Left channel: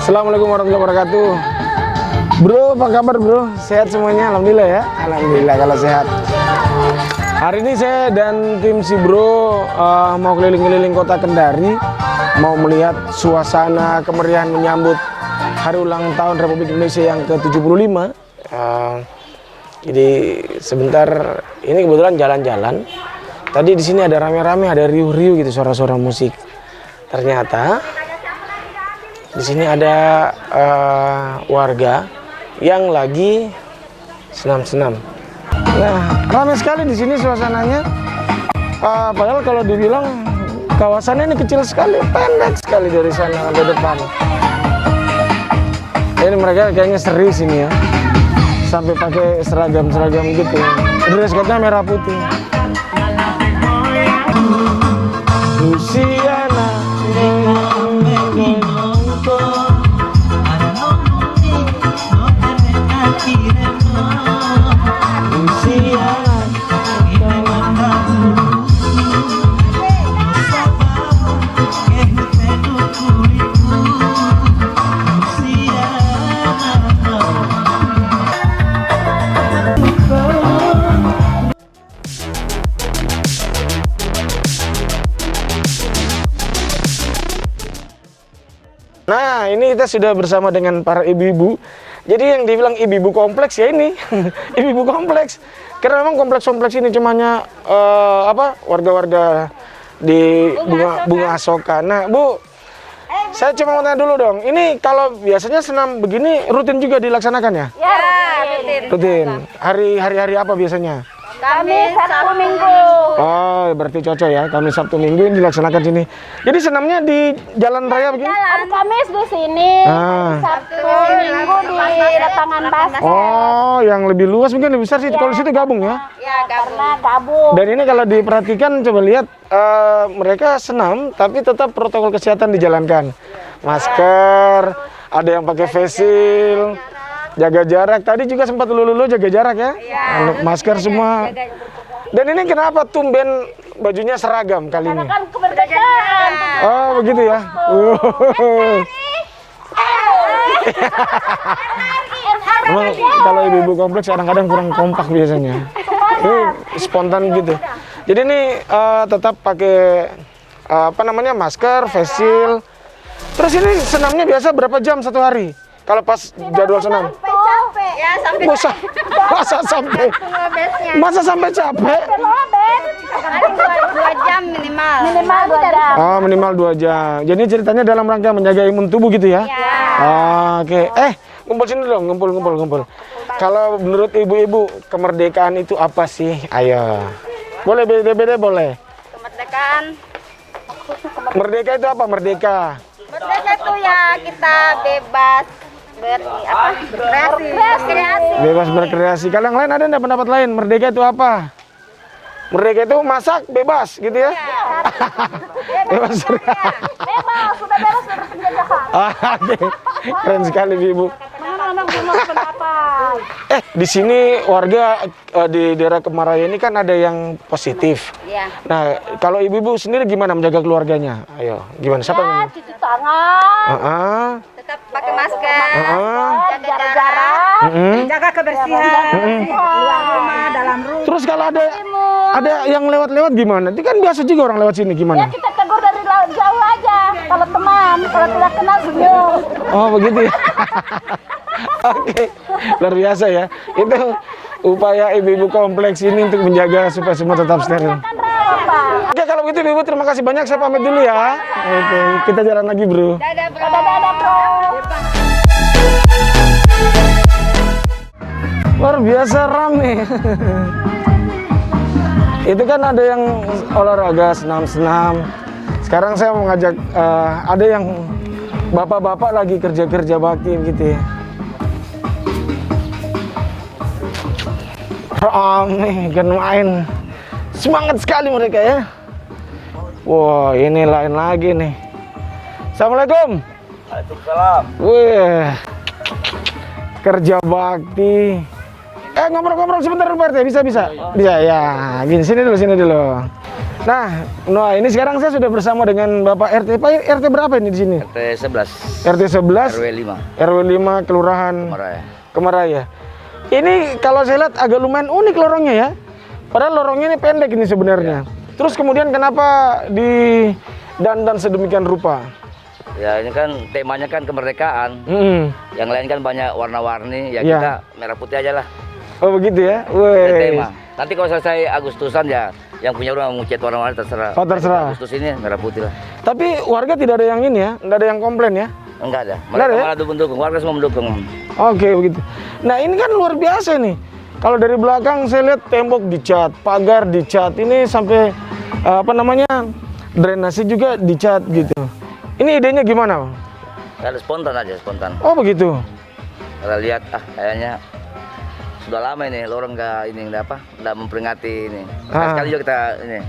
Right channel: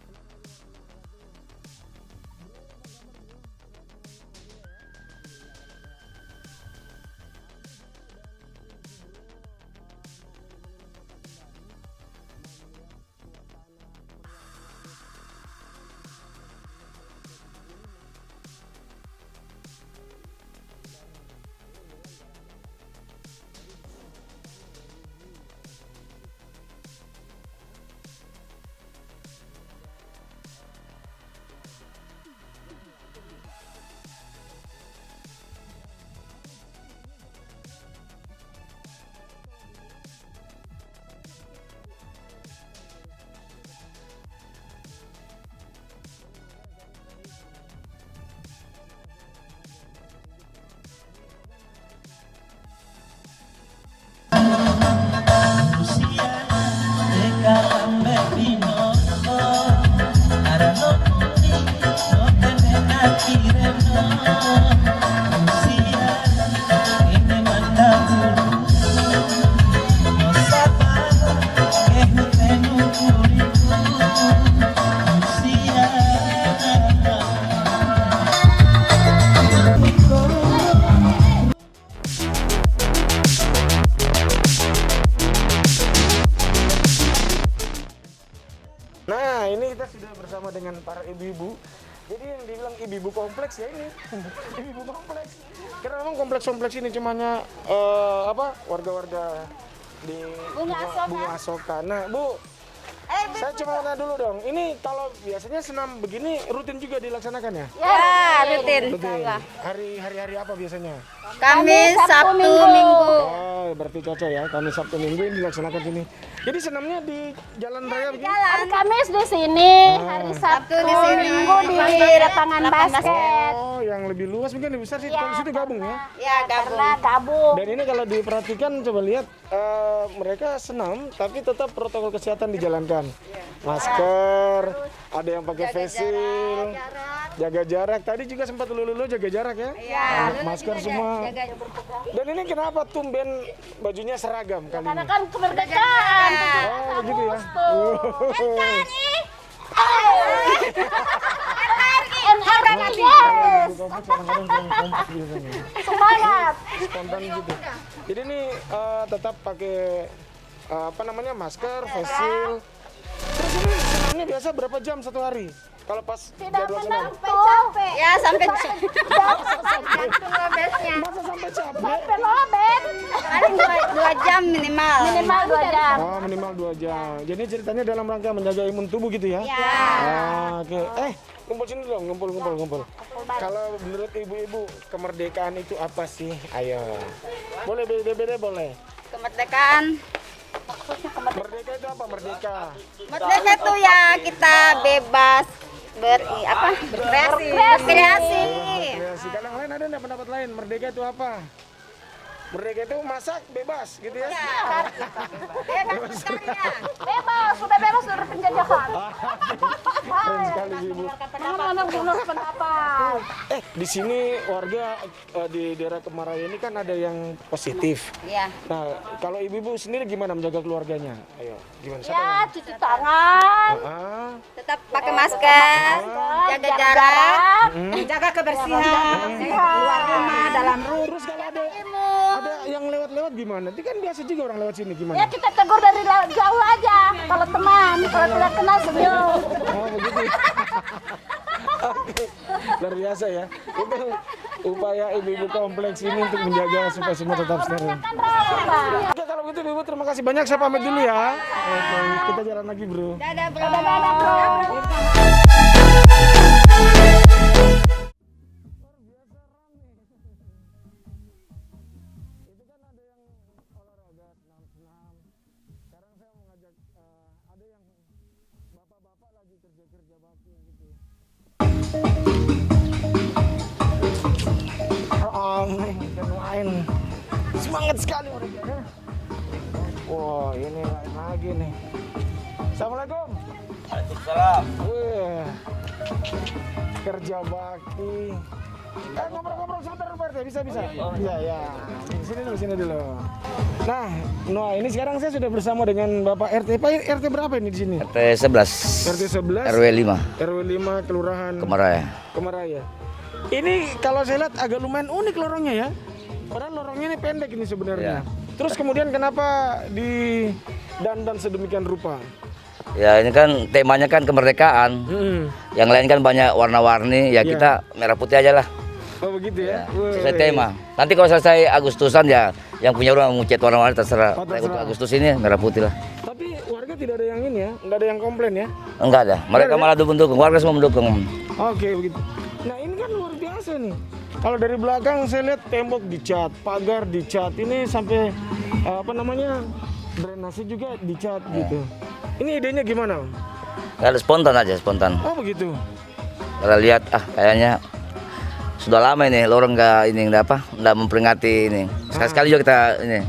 Assalamualaikum warahmatullahi wabarakatuh. Bro, apa kabar bro? Sehat semuanya? Alhamdulillah ya. Alhamdulillah kalau sehat. Hari ini saya dan tim si bro mau keliling-keliling kota Kendari, mau melihat suasana kemeriahan menyambut hari ulang tahun Republik Indonesia yang ke-75. Jadi sebentar ini kebetulan jalan-jalan. Tadi di sini ada rame-rame, ada riuh-riuh gitu suara-suara musik. Ternyata di sini ada warga yang lagi senam-senam. Nah, ramai sekali di sini suasananya. Padahal kalau dibilang kawasannya ini kecil sekali, pendek sekali dari sana ke depan. Ini mereka kayaknya serius ini ya, sampai pakai seragam-seragam gitu. Dress code-nya merah putih. Luciana, nah, ini kita sudah bersama dengan para ibu-ibu. Jadi yang dibilang ibu-ibu kompleks ya ini, ibu-ibu kompleks. Karena memang kompleks-kompleks ini cumanya warga-warga di bunga asoka. Nah, Bu, saya cuma mau tanya dulu dong. Ini kalau biasanya senam begini rutin juga dilaksanakan ya? Ya, rutin. Rutin. Hari-hari apa biasanya? Kamis, Sabtu, Minggu. Oh, berarti cocok ya. Kamis, Sabtu, Minggu ini dilaksanakan sini. Jadi senamnya di jalan raya begini? Ada Kamis di sini, Sabtu di sini, di lapangan basket. Oh, yang lebih luas mungkin lebih besar sih. Kalau situ gabung ya? Ya, gabung. Dan ini kalau diperhatikan, coba lihat mereka senam, tapi tetap protokol kesehatan dijalankan. Masker, ada yang pakai face shield, jaga jarak. Tadi juga sempat lulu jaga jarak ya? Masker semua. Dan ini kenapa tumben bajunya seragam kali ini? Kan kemerdekaan. Oh, begitu ya? Emang kalau ibu-ibu kompleks kadang-kadang kurang kompak biasanya. Spontan gitu. Jadi ini tetap pakai masker, face shield. Terus ini senamnya biasa berapa jam satu hari? Kalau pas jadwal senam? Capek. Ya, sampai Masa sampai capek? 2 jam minimal. Minimal 2 jam. Oh, minimal 2 jam. Jadi ceritanya dalam rangka menjaga imun tubuh gitu ya? Ya. Oke. Kumpul sini dong, ngumpul. Kalau menurut ibu-ibu, kemerdekaan itu apa sih? Ayo. Boleh beda-beda boleh. Kemerdekaan. Merdeka itu apa? Merdeka. Merdeka itu ya kita bebas berkreasi. Bebas berkreasi. Kalau yang lain ada enggak pendapat lain? Merdeka itu apa? Merdeka itu masak bebas gitu ya? Bebas. Bebas, sudah bebas dari penjajahan. Oke. Keren sekali Ibu. Mana-mana belum pendapat. Di sini warga di daerah Kemaraya ini kan ada yang positif. Iya. Nah, kalau ibu-ibu sendiri gimana menjaga keluarganya? Ayo, gimana? Siapa yang? Cuci tangan. Tetap pakai masker. Jaga jarak. Jaga kebersihan. Dalam rumah. Terus kalau ada yang lewat-lewat gimana? Itu kan biasa juga orang lewat sini gimana? Ya kita tegur dari jauh aja. Kalau teman, kalau tidak kenal sebelum. Oh, begitu ya. Oke, luar biasa ya. Itu upaya ibu-ibu kompleks ini untuk menjaga supaya semua tetap steril. Oke, kalau begitu ibu terima kasih banyak. Saya pamit dulu ya. Oke, kita jalan lagi bro. Dadah bro. Dadah bro. Luar biasa rame. Itu kan ada yang olahraga, senam-senam. Sekarang saya mau ngajak ada yang bapak-bapak lagi kerja bakti gitu ya. Rame, kan main. Semangat sekali mereka ya. Wah, ini lain lagi nih. Assalamualaikum. Waalaikumsalam. Wih, kerja bakti. Ngobrol-ngobrol sebentar dulu Pak RT, bisa ya. Gini, sini dulu. Nah, Noah, ini sekarang saya sudah bersama dengan Bapak RT. Pak RT berapa ini di sini? RT 11. RT 11. RW 5. RW 5 Kelurahan Kemaraya. Ini kalau saya lihat agak lumayan unik lorongnya ya. Padahal lorongnya ini pendek ini sebenarnya. Terus kemudian kenapa dandan sedemikian rupa? Ya ini kan temanya kan kemerdekaan. Yang lain kan banyak warna-warni. Ya kita merah putih aja lah. Oh begitu ya? Saya tema. Nanti kalau selesai Agustusan ya yang punya rumah mau cat warna-warni terserah. Oh terserah. Agustus ini merah putih lah. Tapi warga tidak ada yang ini ya? Tidak ada yang komplain ya? Enggak ada. Mereka malah dukung-dukung. Warga semua mendukung. Oke begitu. Nah ini kan luar biasa nih. Kalau dari belakang saya lihat tembok dicat, pagar dicat. Ini sampai drainase juga dicat gitu. Ini idenya gimana, Bang? Ya, spontan aja, spontan. Oh begitu. Kalau lihat kayaknya sudah lama ini lorong nggak memperingati ini. Sekali juga kita ini.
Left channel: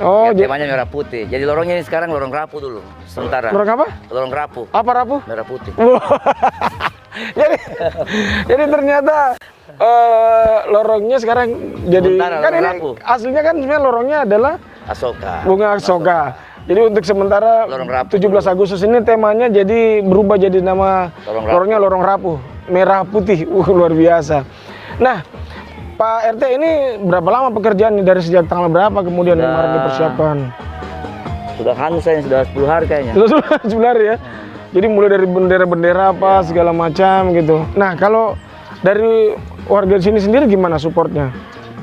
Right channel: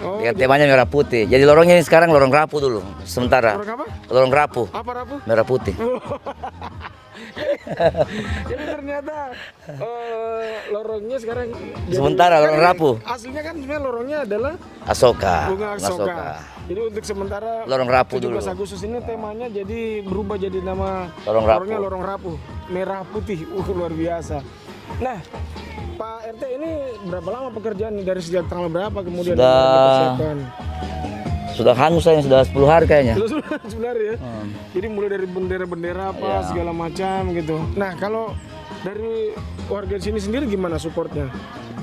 Oh, temanya merah putih. Jadi lorongnya ini sekarang lorong rapuh dulu sementara. Lorong apa? Lorong rapuh. Apa rapuh? Merah putih. jadi ternyata lorongnya sekarang jadi sementara kan lorong rapuh. Aslinya kan sebenarnya lorongnya adalah Asoka. Bunga Asoka. Jadi untuk sementara lorong rapuh 17 Agustus ini temanya jadi berubah jadi nama lorongnya lorong rapuh, merah putih. Luar biasa. Nah, Pak RT ini berapa lama pekerjaan dari sejak tanggal berapa kemudian kemarin dipersiapkan? Sudah hangus ini sudah 10 hari kayaknya. Sudah 10 hari ya. Jadi mulai dari bendera-bendera apa segala macam gitu. Nah, kalau dari warga sini sendiri gimana supportnya?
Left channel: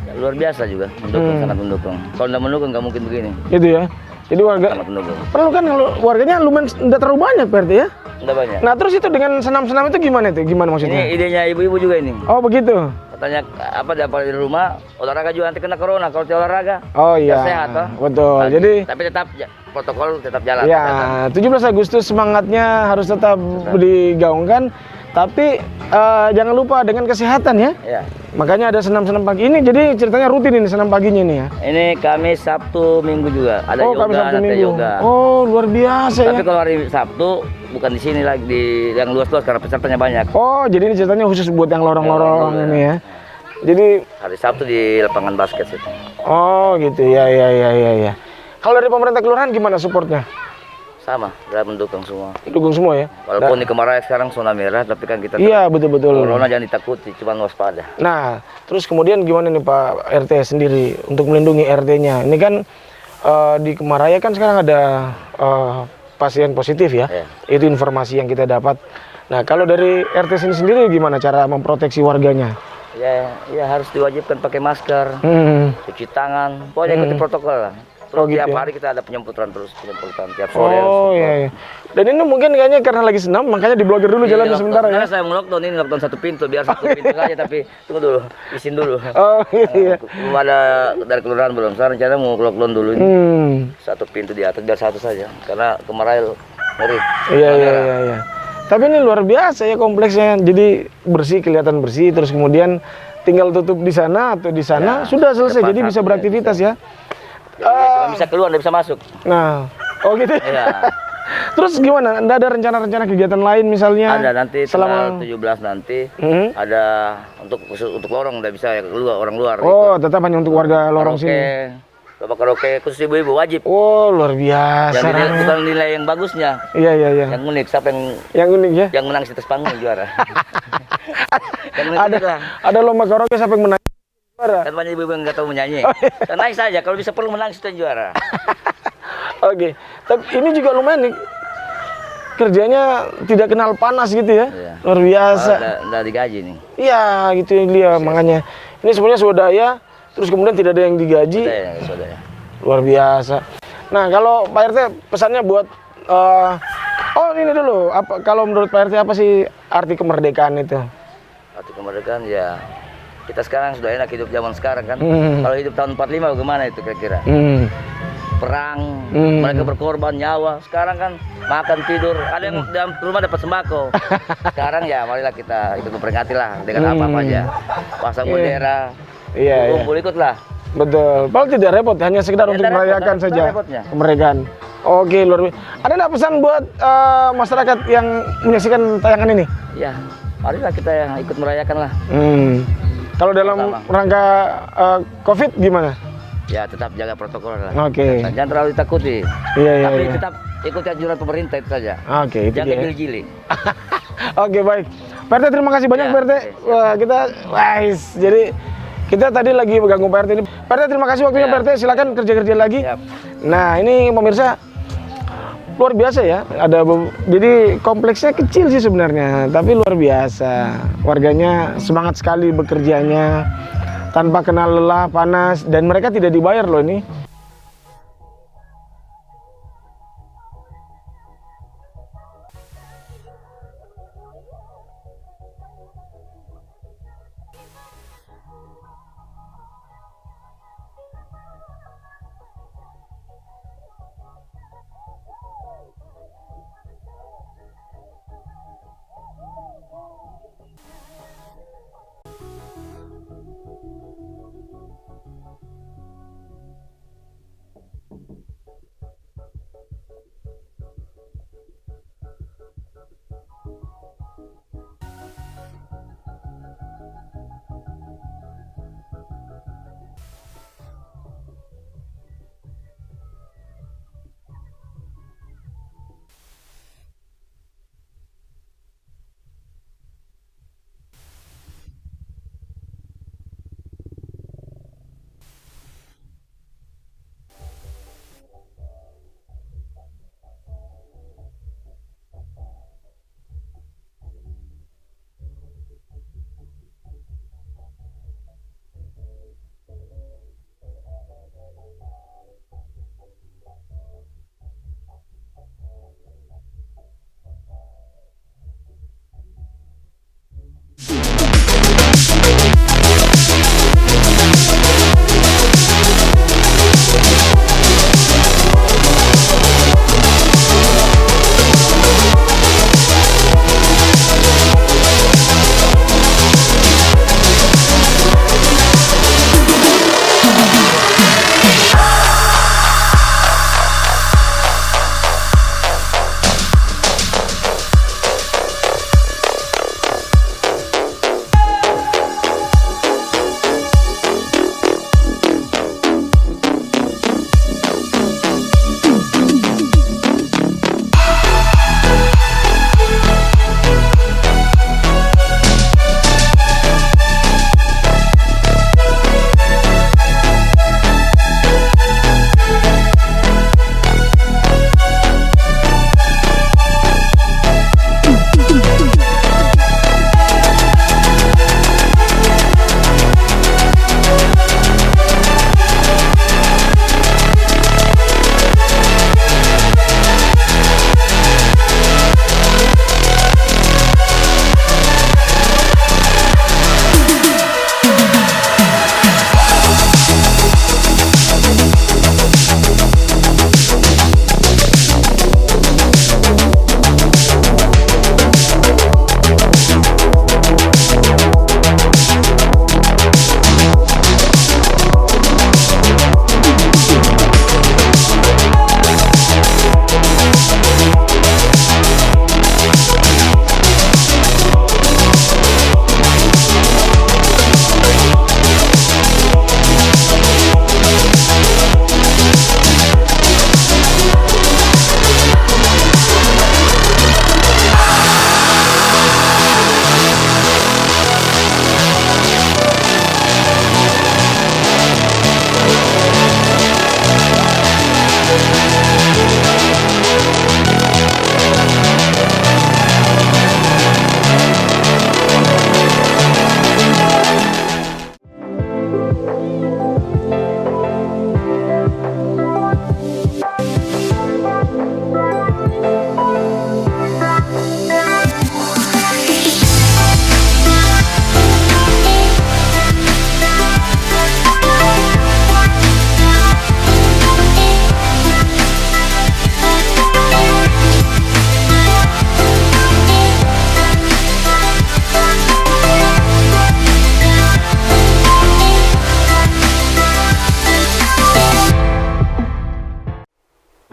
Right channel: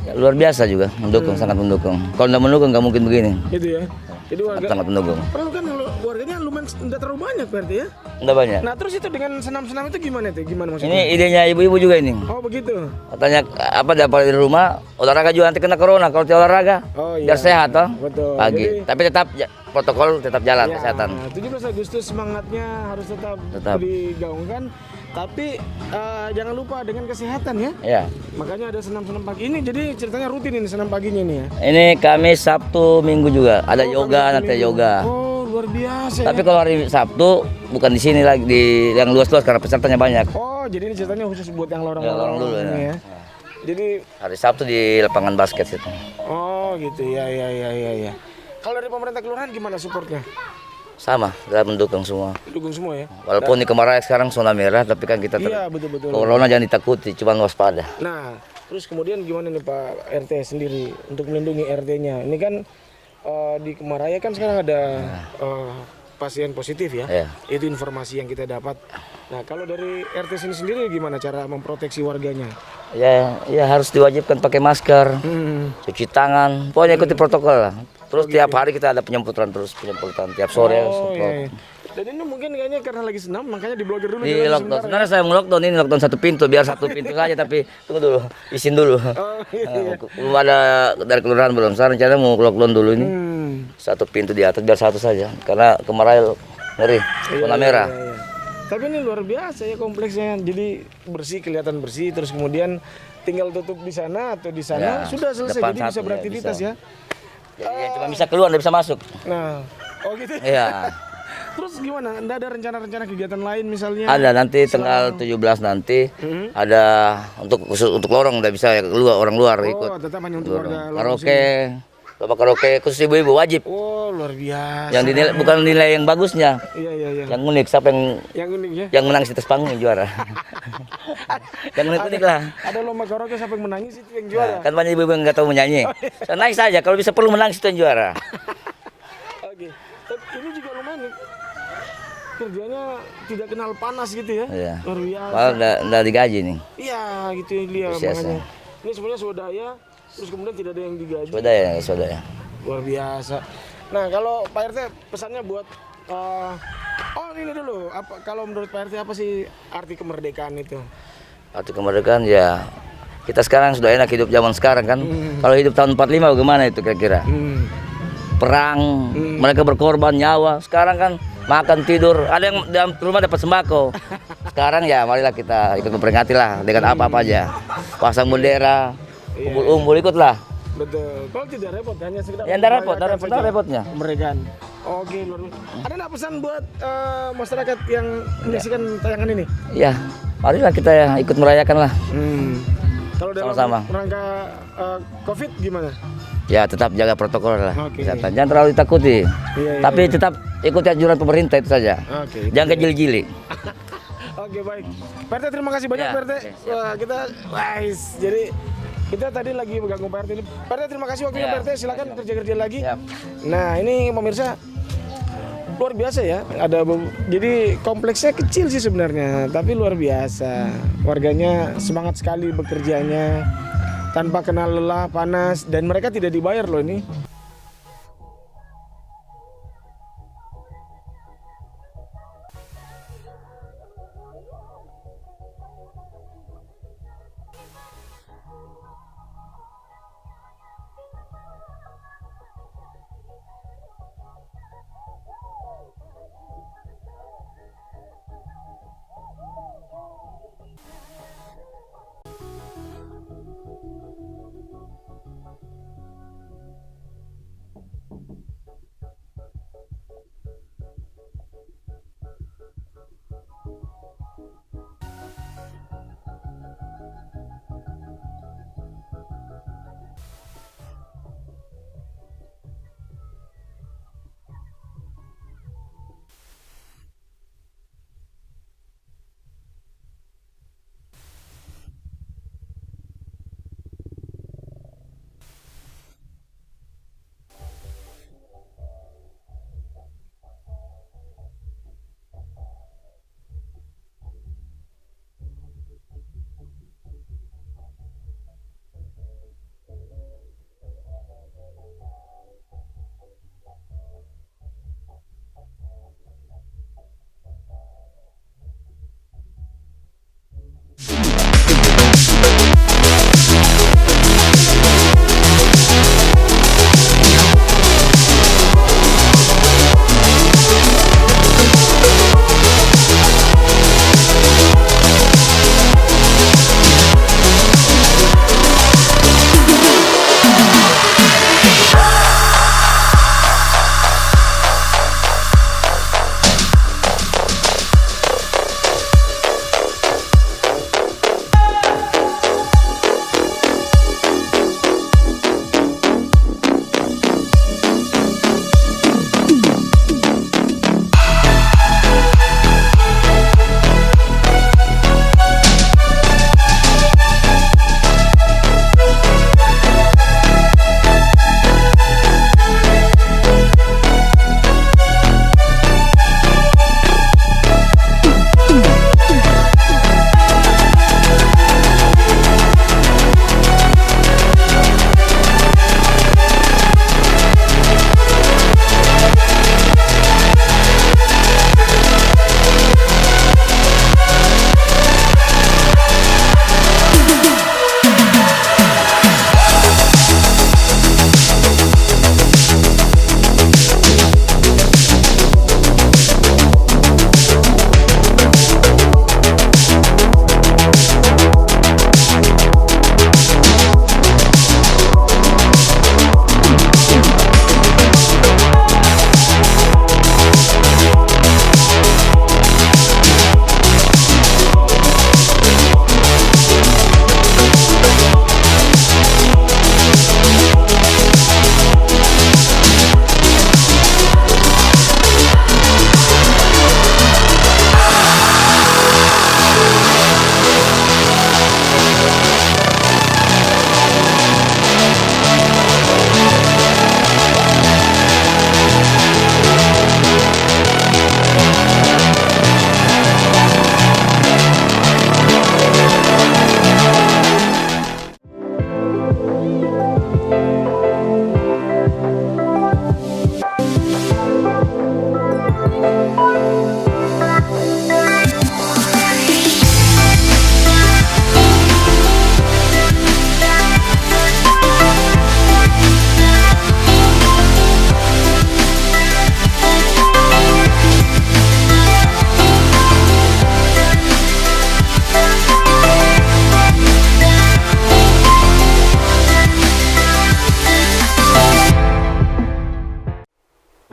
Ya, luar biasa juga, mendukung, sangat mendukung. Kalau nggak mendukung nggak mungkin begini. Itu ya. Jadi warga sangat mendukung. Perlu kan warganya lumayan nggak terlalu banyak berarti ya? Nggak banyak. Nah, terus itu dengan senam-senam itu gimana itu? Gimana maksudnya? Ini idenya ibu-ibu juga ini. Oh, begitu. Katanya dapat dari rumah, olahraga juga nanti kena corona kalau tidak olahraga. Oh iya. Biar sehat toh. Betul. Lagi. Jadi tapi tetap protokol tetap jalan kesehatan. 17 Agustus semangatnya harus tetap digaungkan, tapi jangan lupa dengan kesehatan ya. Iya. Makanya ada senam-senam pagi ini. Jadi ceritanya rutin ini senam paginya ini ya. Ini Kamis, Sabtu, Minggu juga. Ada yoga, ada yoga. Oh, luar biasa. Tapi kalau hari Sabtu bukan di sini lagi di yang luas-luas karena pesertanya banyak. Oh, jadi ini ceritanya khusus buat yang lorong-lorong ini ya. Jadi hari Sabtu di lapangan basket itu. Oh, gitu ya. Kalau dari pemerintah kelurahan gimana supportnya? Sama, dalam mendukung semua. Dukung semua ya. Walaupun di Kemaraya sekarang zona merah, tapi kan kita iya betul. corona jangan ditakuti, cuma waspada. Nah, terus kemudian gimana nih Pak RT sendiri untuk melindungi RT-nya? Ini kan di Kemaraya kan sekarang ada pasien positif ya. Itu informasi yang kita dapat. Nah, kalau dari RT sendiri gimana cara memproteksi warganya? Ya harus diwajibkan pakai masker, cuci tangan, pokoknya ikuti protokol lah. Terus tiap hari kita ada penyemprotan tiap sore. Oh iya. Dan ini mungkin kayaknya karena lagi senam, makanya diblokir dulu jalannya sementara ya. Karena saya lockdown ini lockdown satu pintu, biar satu pintu aja tapi tunggu dulu, izin dulu. Oh iya. Belum ada dari kelurahan belum. Saya rencana mau lockdown dulu ini. Satu pintu di atas biar satu saja, karena Kemaraya ngeri. Iya. Tapi ini luar biasa ya kompleksnya. Jadi bersih, kelihatan bersih, terus kemudian tinggal tutup di sana atau di sana sudah selesai. Jadi bisa beraktivitas ya. Cuma bisa keluar, nggak bisa masuk. Nah, oh gitu. Iya. Terus gimana? Nggak ada rencana-rencana kegiatan lain misalnya? Ada nanti tanggal 17 nanti ada khusus untuk lorong, nggak bisa keluar orang luar. Oh, tetap hanya untuk warga lorong sini. Bapak karaoke khusus ibu-ibu wajib. Oh, luar biasa. Bukan nilai yang bagusnya. Iya. Yang unik, siapa yang unik ya? Yang menang di atas panggung juara. Ada lomba karaoke siapa yang menangis itu yang juara. Kan banyak ibu-ibu yang nggak tahu menyanyi. So, naik saja kalau bisa perlu menang itu yang juara. Oke. Tapi ini juga lumayan nih. Kerjanya tidak kenal panas gitu ya. Iya. Luar biasa. Nggak digaji nih. Iya, gitu dia makanya. Ini sebenarnya swadaya, terus kemudian tidak ada yang digaji. Swadaya. Luar biasa. Nah, kalau Pak RT pesannya buat ini dulu. Kalau menurut Pak RT apa sih arti kemerdekaan itu? Arti kemerdekaan ya kita sekarang sudah enak hidup zaman sekarang kan. Kalau hidup tahun 45 bagaimana itu kira-kira? Perang, mereka berkorban nyawa. Sekarang kan makan tidur, ada yang dalam rumah dapat sembako. Sekarang ya marilah kita ikut memperingati lah dengan apa-apa aja. Pasang bendera, kumpul ikutlah. Betul. Kalau tidak repot, hanya sekedar untuk merayakan saja kemerdekaan. Oke, luar biasa. Ada nggak pesan buat masyarakat yang menyaksikan tayangan ini? Iya, marilah kita ikut merayakan lah. Kalau dalam Sama-sama. rangka COVID gimana? Ya tetap jaga protokol lah. Oke. Jangan terlalu ditakuti. Iya, iya, Tapi iya. tetap ikuti anjuran pemerintah itu saja. Oke, itu Jangan dia. kejili-jili. Oke, baik. PRT terima kasih banyak Ya. PRT. Wah, kita wise. Jadi kita tadi lagi mengganggu PRT ini. PRT terima kasih waktunya Ya. PRT. Silakan kerja-kerja lagi. Siap. Nah, ini pemirsa luar biasa ya. Jadi kompleksnya kecil sih sebenarnya, tapi luar biasa. Warganya semangat sekali bekerjanya tanpa kenal lelah, panas, dan mereka tidak dibayar loh ini.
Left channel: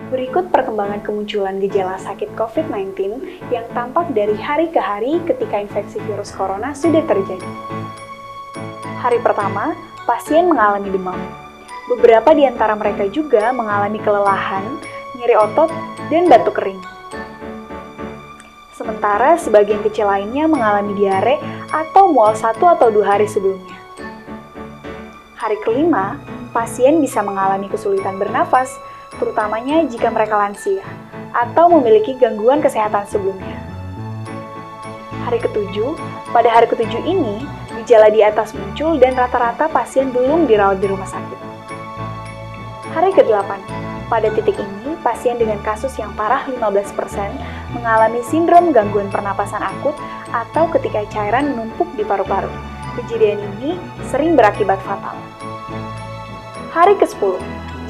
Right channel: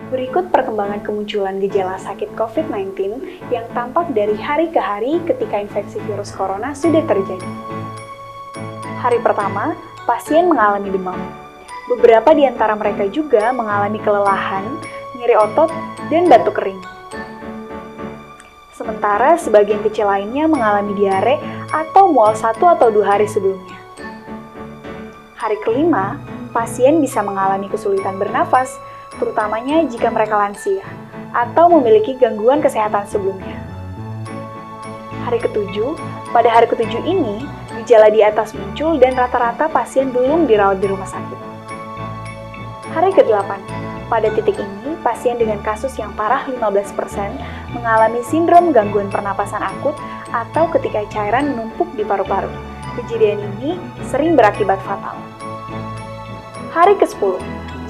Berikut perkembangan kemunculan gejala sakit COVID-19 yang tampak dari hari ke hari ketika infeksi virus corona sudah terjadi. Hari pertama, pasien mengalami demam. Beberapa di antara mereka juga mengalami kelelahan, nyeri otot, dan batuk kering. Sementara sebagian kecil lainnya mengalami diare atau mual 1 atau 2 hari sebelumnya. Hari kelima, pasien bisa mengalami kesulitan bernafas, terutamanya jika mereka lansia atau memiliki gangguan kesehatan sebelumnya. Hari ketujuh, pada hari ketujuh ini, gejala di atas muncul dan rata-rata pasien belum dirawat di rumah sakit. Hari ke-8, pada titik ini, pasien dengan kasus yang parah 15% mengalami sindrom gangguan pernapasan akut atau ketika cairan menumpuk di paru-paru. Kejadian ini sering berakibat fatal. Hari ke-10,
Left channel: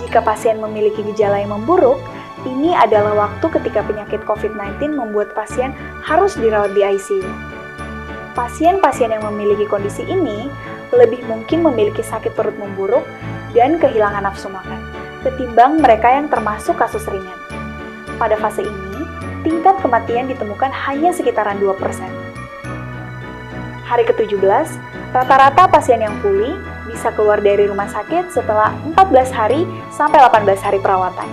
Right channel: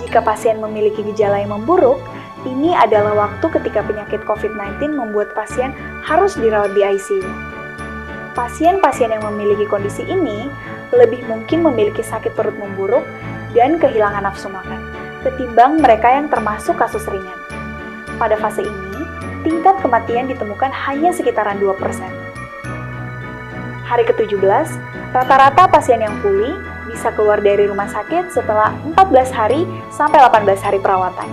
jika pasien memiliki gejala yang memburuk, ini adalah waktu ketika penyakit COVID-19 membuat pasien harus dirawat di ICU. Pasien-pasien yang memiliki kondisi ini lebih mungkin memiliki sakit perut memburuk dan kehilangan nafsu makan, ketimbang mereka yang termasuk kasus ringan. Pada fase ini, tingkat kematian ditemukan hanya sekitaran 2%. Hari ke-17, rata-rata pasien yang pulih bisa keluar dari rumah sakit setelah 14 hari sampai 18 hari perawatan.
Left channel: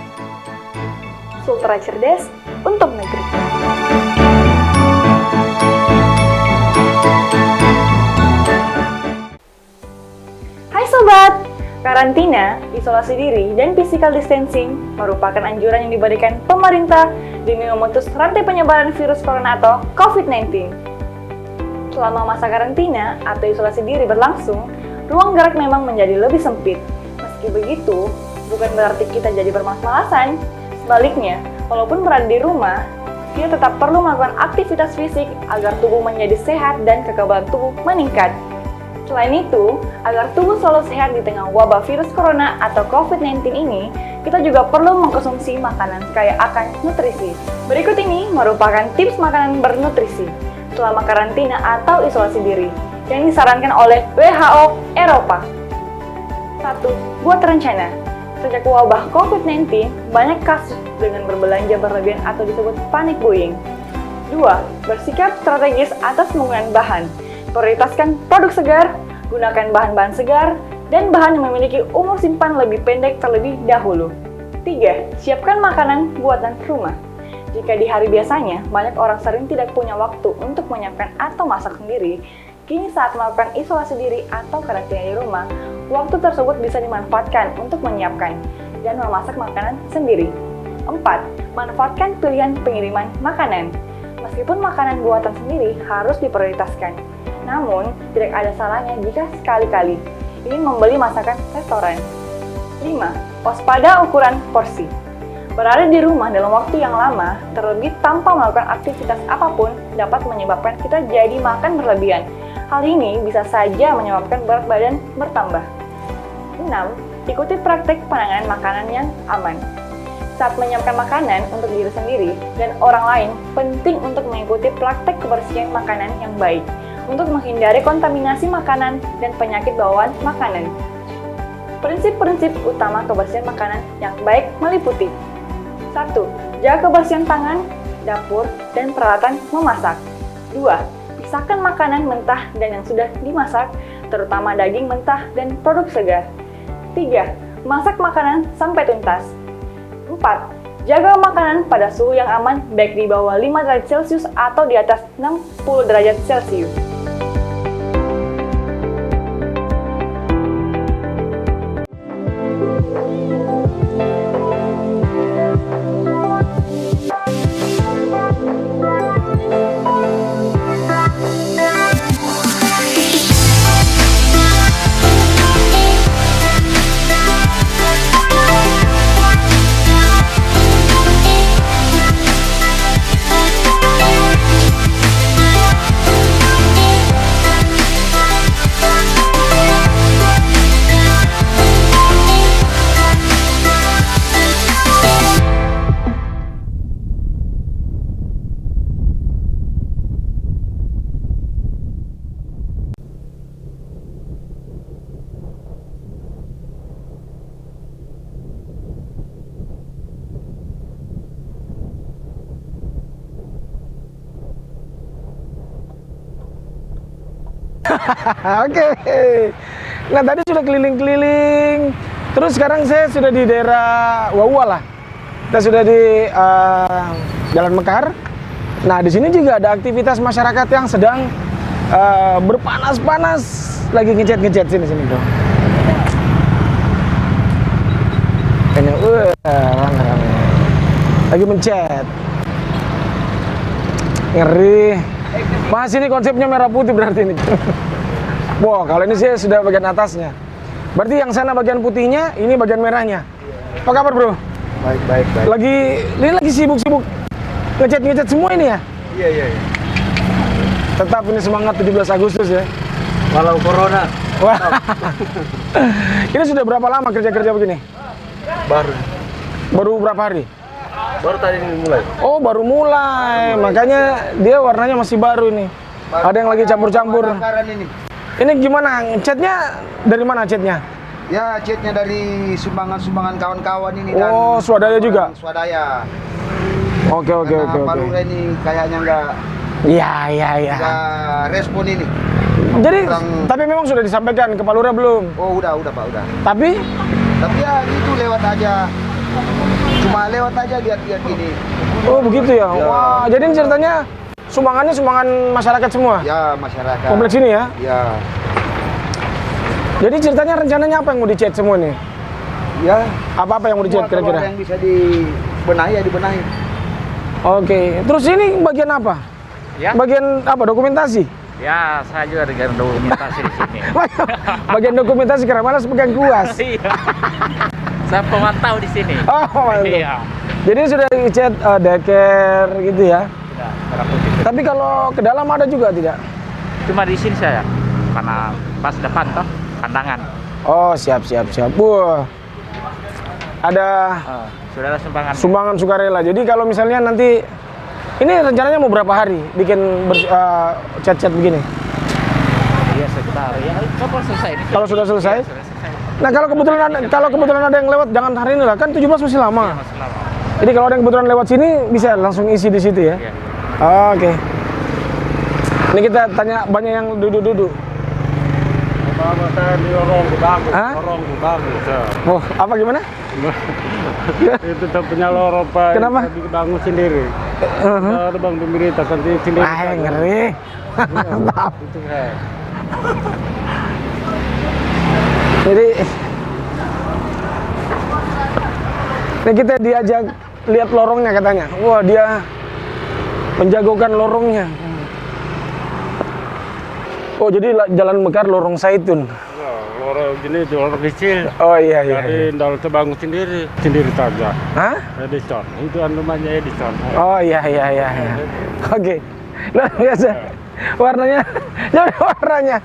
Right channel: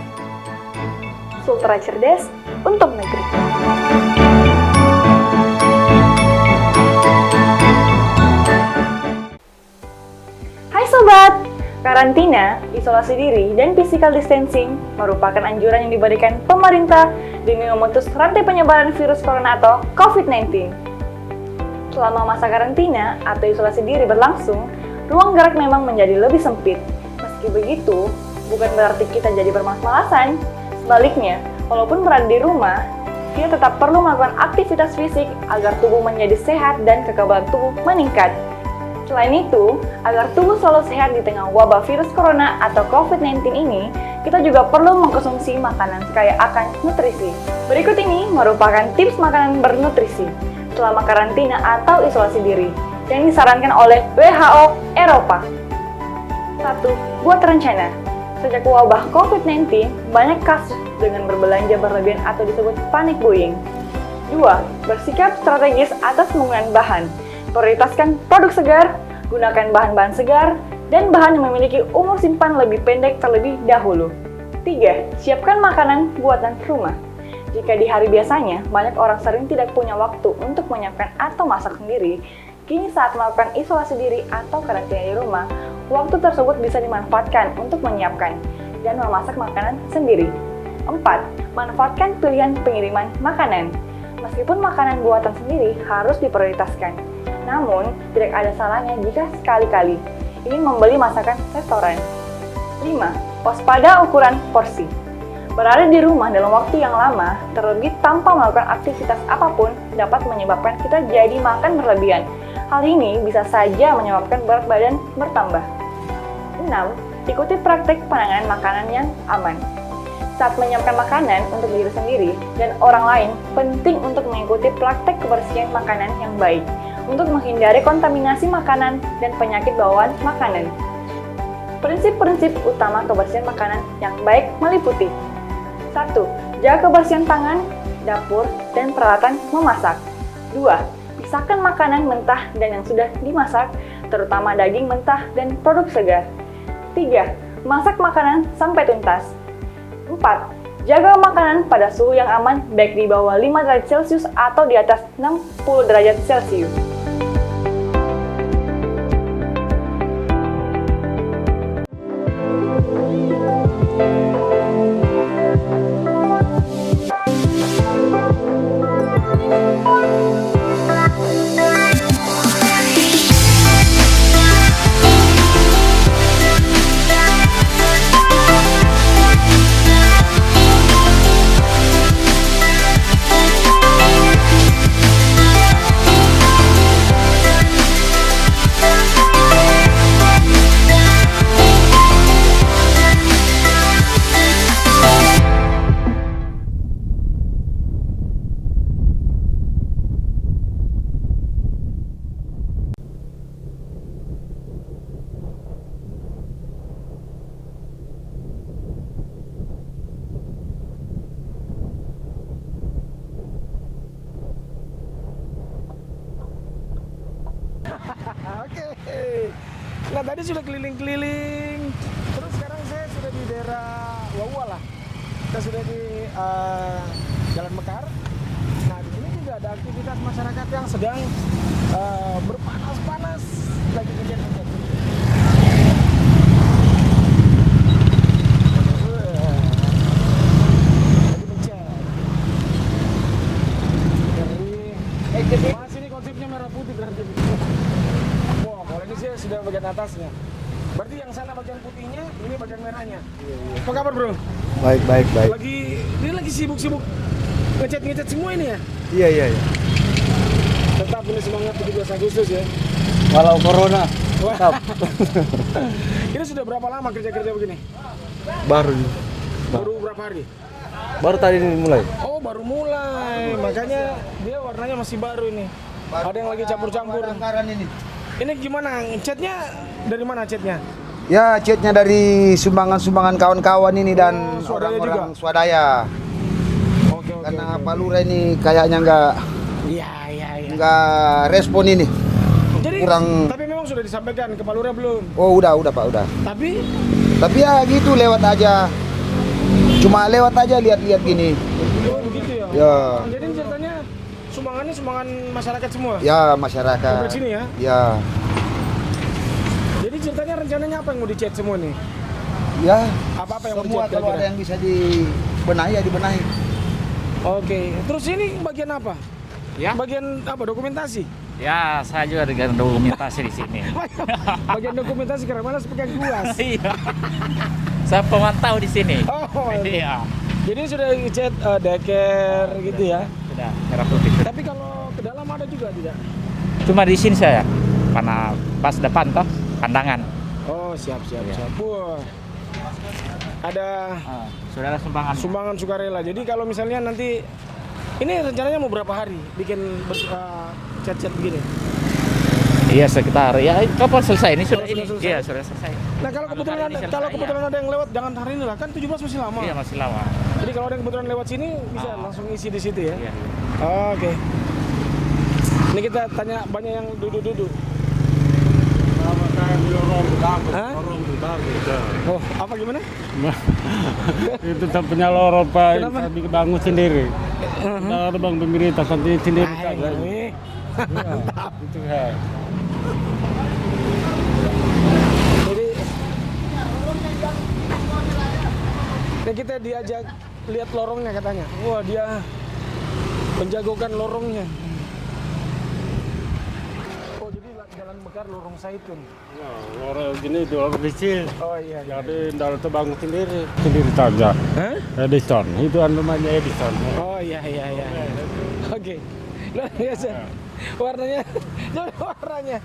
Sultra cerdas untuk negeri. Hai sobat! Karantina, isolasi diri, dan physical distancing merupakan anjuran yang diberikan pemerintah demi memutus rantai penyebaran virus corona atau COVID-19. Selama masa karantina atau isolasi diri berlangsung, ruang gerak memang menjadi lebih sempit. Meski begitu, bukan berarti kita jadi bermalas-malasan. Sebaliknya, walaupun berada di rumah, kita tetap perlu melakukan aktivitas fisik agar tubuh menjadi sehat dan kekebalan tubuh meningkat. Selain itu, agar tubuh selalu sehat di tengah wabah virus corona atau COVID-19 ini, kita juga perlu mengkonsumsi makanan kaya akan nutrisi. Berikut ini merupakan tips makanan bernutrisi selama karantina atau isolasi diri yang disarankan oleh WHO Eropa. 1. Buat rencana. Sejak wabah COVID-19, banyak kasus dengan berbelanja berlebihan atau disebut panic buying. 2. Bersikap strategis atas penggunaan bahan. Prioritaskan produk segar, gunakan bahan-bahan segar, dan bahan yang memiliki umur simpan lebih pendek terlebih dahulu. 3. Siapkan makanan buatan rumah. Jika di hari biasanya, banyak orang sering tidak punya waktu untuk menyiapkan atau masak sendiri, kini saat melakukan isolasi diri atau karantina di rumah, waktu tersebut bisa dimanfaatkan untuk menyiapkan dan memasak makanan sendiri. 4. Manfaatkan pilihan pengiriman makanan. Meskipun makanan buatan sendiri harus diprioritaskan, namun tidak ada salahnya jika sekali-kali ingin membeli masakan restoran. 5. Waspada ukuran porsi. Berada di rumah dalam waktu yang lama, terlebih tanpa melakukan aktivitas apapun, dapat menyebabkan kita jadi makan berlebihan. Hal ini bisa saja menyebabkan berat badan bertambah. 6. Ikuti praktik penanganan makanan yang aman. Saat menyiapkan makanan untuk diri sendiri dan orang lain, penting untuk mengikuti praktik kebersihan makanan yang baik untuk menghindari kontaminasi makanan dan penyakit bawaan makanan. Prinsip-prinsip utama kebersihan makanan yang baik meliputi 1. Jaga kebersihan tangan, dapur, dan peralatan memasak. 2. Pisahkan makanan mentah dan yang sudah dimasak, terutama daging mentah dan produk segar. 3. Masak makanan sampai tuntas. 4. Jaga makanan pada suhu yang aman, baik di bawah 5 derajat Celcius atau di atas 60 derajat Celcius. Oke. Nah tadi sudah keliling-keliling. Terus sekarang saya sudah di daerah Wawa lah. Kita sudah di Jalan Mekar. Nah di sini juga ada aktivitas masyarakat yang sedang berpanas-panas, lagi ngecat sini tuh. Kayaknya, lagi mencet. Ngeri. Mas ini konsepnya merah putih berarti ini. Wah, kalau ini sih sudah bagian atasnya. Berarti yang sana bagian putihnya, ini bagian merahnya. Apa kabar, Bro? Baik. Ini lagi sibuk-sibuk ngecat semua ini ya? Iya. Tetap ini semangat 17 Agustus ya. Walau corona. Wah. Ini sudah berapa lama kerja begini? Baru berapa hari? Baru tadi mulai. Oh, baru mulai. Makanya dia warnanya masih baru ini. Ada yang lagi campur-campur. Ini. Ini gimana? Catnya dari mana catnya? Ya, catnya dari sumbangan kawan-kawan ini dan Oh, swadaya juga? Swadaya. Oke. Pak Lurah ini kayaknya nggak Iya. respon ini. Jadi, Kurang- tapi memang sudah disampaikan ke Pak Lurah belum? Oh, udah Pak, udah. Tapi, Tapi ya gitu lewat aja. Cuma lewat aja lihat-lihat gini. oh begitu ya? Ya. Wah, jadi ini ceritanya sumbangannya sumbangan masyarakat semua? Ya, masyarakat. Kompleks ini ya? Ya. Jadi ceritanya rencananya apa yang mau dicat semua nih? Ya. Apa yang mau dicat Semua kalau kira-kira? ada yang bisa dibenahi ya dibenahi. Oke, terus ini bagian apa? Ya. Bagian apa? Dokumentasi? Ya, saya juga dengan dokumentasi di sini. Bagian dokumentasi karena malas pegang kuas. Iya. Saya pemantau di sini. Oh, mantap. Iya. Jadi sudah dicat deker gitu ya. Sudah merah putih. Tapi kalau ke dalam ada juga tidak? Cuma di sini saya, karena pas depan toh pandangan. Oh, siap. Wah. Ada Sudah ada sumbangan. sumbangan sukarela. Jadi kalau misalnya nanti ini rencananya mau berapa hari bikin cat-cat begini? Iya sekitar. Ya kapan selesai ini? Kalau sudah selesai? Iya, sudah selesai. Nah, kalau kebetulan ada yang lewat jangan hari ini lah, kan 17 masih lama. Iya, masih lama. Jadi kalau ada yang kebetulan lewat sini bisa langsung isi di situ ya. Iya. Oke. Ini kita tanya banyak yang duduk-duduk. Hah? Oh, apa gimana? Itu tak punya lorong Pak. Kenapa? Dibangun sendiri. Ada bang pemerintah sendiri. Ngeri. Mantap. Jadi ini kita diajak lihat lorongnya katanya. Wah, dia menjagokan lorongnya. Oh, jadi Jalan Mekar Lorong Saitun. Lorong gini itu lorong kecil. Oh iya. Jadi dalam terbangun sendiri saja. Hah? Edison, itu namanya Edison. Oh iya. Oke. Luar biasa. Warnanya. Jadi warnanya.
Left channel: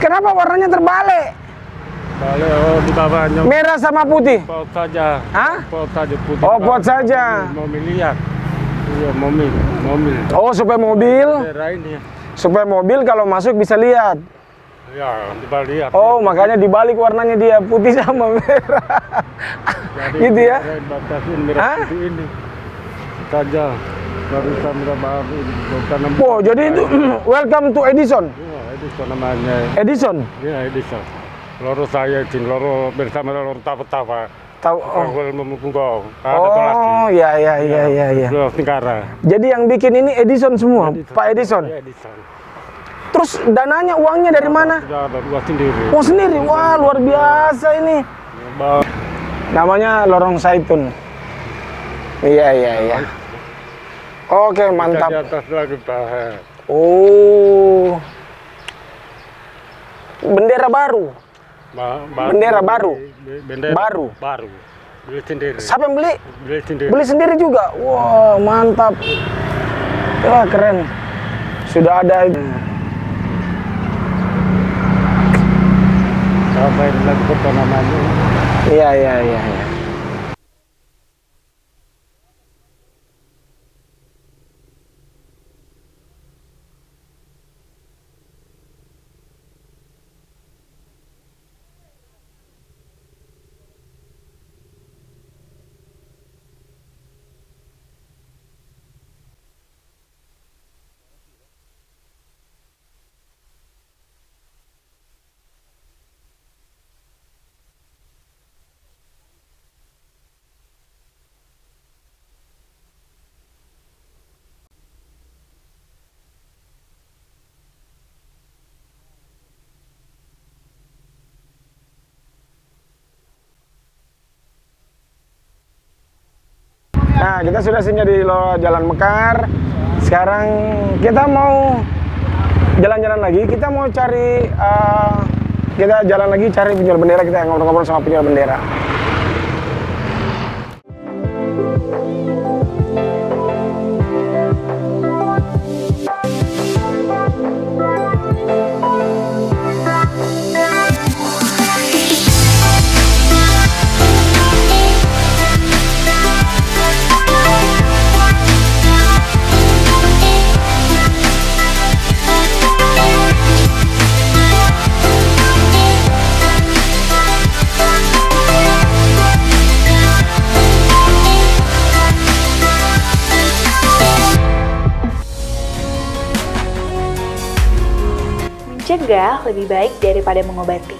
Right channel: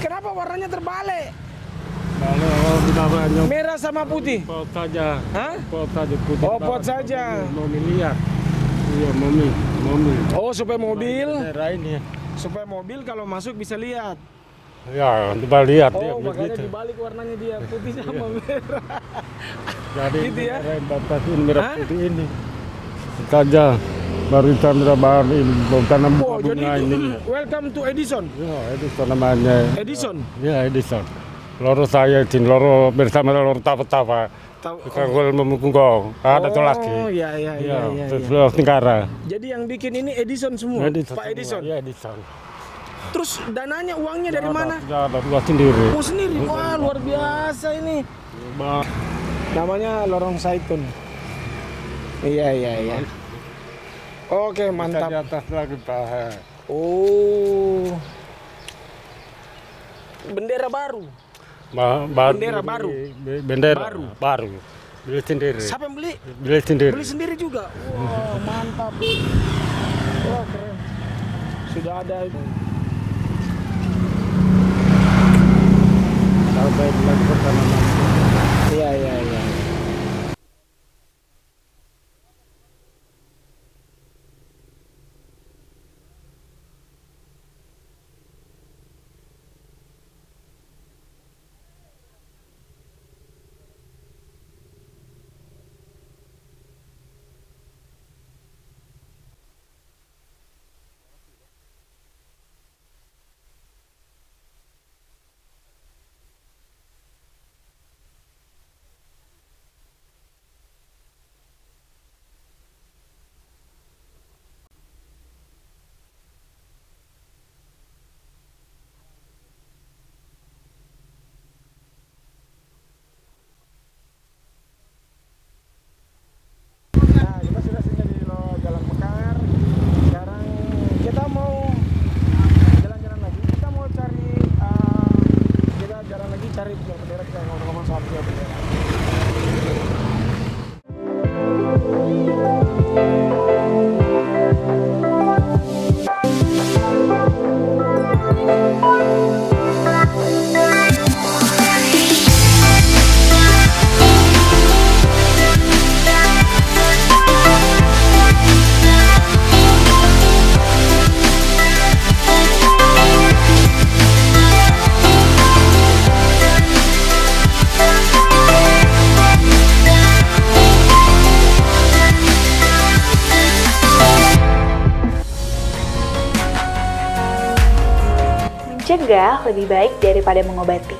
Kenapa warnanya terbalik? Kalau di bawahnya Merah sama putih. pot saja. Hah? Pot saja putih. Oh, pot saja. Mobil lihat. Iya, mobil. Oh, supaya mobil Lainnya. kalau masuk bisa lihat. Ya, kita lihat. Oh, makanya dibalik warnanya dia putih sama merah. Gitu ya? Batasin merah Hah? putih ini. Saja. Baru kita baru ini bukan. Oh, jadi itu welcome to Edison. Ya, Edison namanya. Edison. Ya, Edison. Loro saya izin loro bersama loro tapa-tapa. Tahu. Kalau memukul gong. Ada tuh lagi. Oh, iya. Loro Tenggara. Jadi yang bikin ini Edison semua, Pak Edison. Ya, Edison. Terus dananya, uangnya dari mana? Ya, ada buat sendiri. Uang sendiri. Wah, luar biasa ini. Namanya Lorong Saitun. Iya. Oke, mantap. Di atas lagi Pak. Oh. Bendera baru. Bendera baru. Bendera Baru. Beli sendiri. Siapa yang beli? Beli sendiri. Beli sendiri juga. Wah, mantap. Wah, keren. Sudah ada. Sampai lagi pertama namanya. Iya. Nah, kita sudah singgah di Jalan Mekar. Sekarang kita mau jalan-jalan lagi. Kita mau cari, kita jalan lagi cari penjual bendera. Kita ngobrol-ngobrol sama penjual bendera. Mencegah lebih baik daripada mengobati.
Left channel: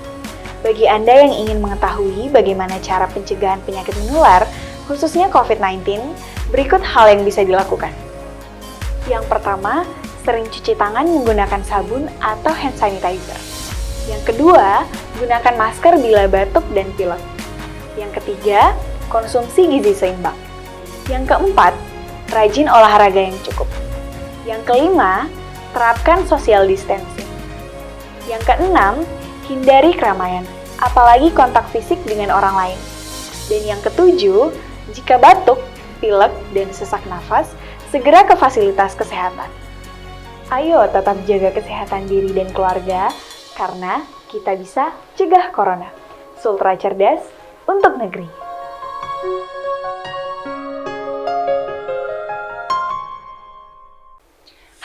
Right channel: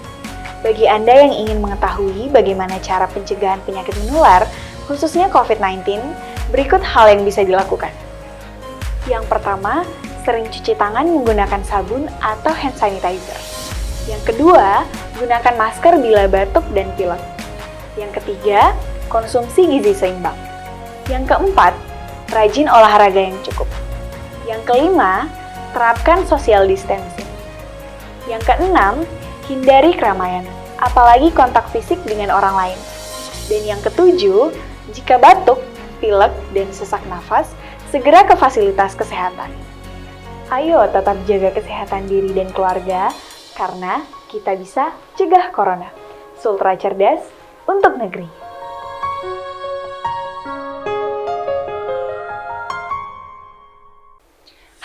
Bagi Anda yang ingin mengetahui bagaimana cara pencegahan penyakit menular, khususnya COVID-19, berikut hal yang bisa dilakukan. Yang pertama, sering cuci tangan menggunakan sabun atau hand sanitizer. Yang kedua, gunakan masker bila batuk dan pilek. Yang ketiga, konsumsi gizi seimbang. Yang keempat, rajin olahraga yang cukup. Yang kelima, terapkan social distancing. Yang keenam, hindari keramaian, apalagi kontak fisik dengan orang lain. Dan yang ketujuh, jika batuk, pilek, dan sesak nafas, segera ke fasilitas kesehatan. Ayo tetap jaga kesehatan diri dan keluarga, karena kita bisa cegah corona. Sultra cerdas untuk negeri.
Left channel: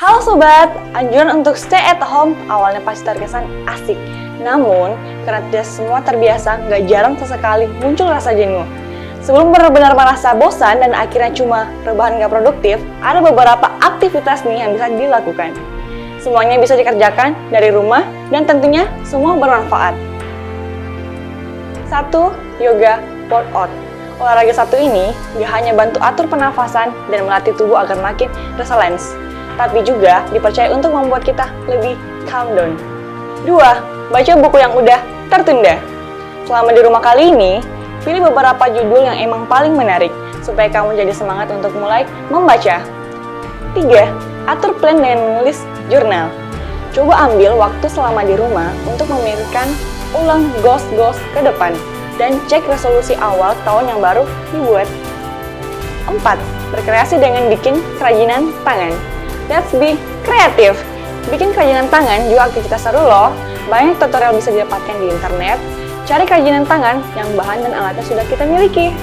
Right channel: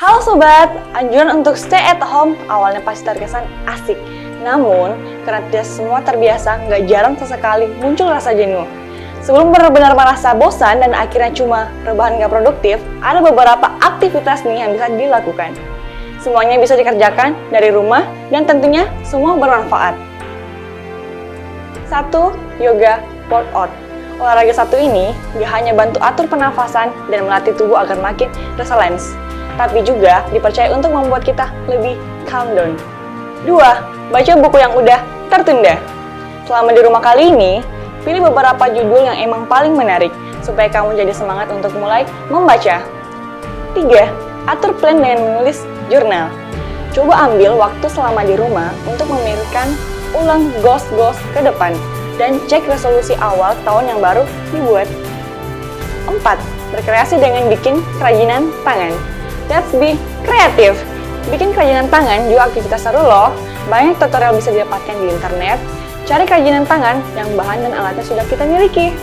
Halo Sobat, anjuran untuk stay at home awalnya pasti terkesan asik. Namun, karena tidak semua terbiasa, nggak jarang sesekali muncul rasa jenuh. Sebelum benar-benar merasa bosan dan akhirnya cuma rebahan nggak produktif, ada beberapa aktivitas nih yang bisa dilakukan. Semuanya bisa dikerjakan dari rumah dan tentunya semua bermanfaat. 1. Yoga workout. Olahraga satu ini nggak hanya bantu atur pernafasan dan melatih tubuh agar makin resilience, tapi juga dipercaya untuk membuat kita lebih calm down. 2. Baca buku yang udah tertunda. Selama di rumah kali ini, pilih beberapa judul yang emang paling menarik, supaya kamu jadi semangat untuk mulai membaca. 3. Atur plan dengan menulis jurnal. Coba ambil waktu selama di rumah untuk memikirkan ulang goals ke depan, dan cek resolusi awal tahun yang baru dibuat. 4. Berkreasi dengan bikin kerajinan tangan. Let's be kreatif. Bikin kerajinan tangan juga aktivitas seru loh. Banyak tutorial bisa didapatkan di internet. Cari kerajinan tangan yang bahan dan alatnya sudah kita miliki.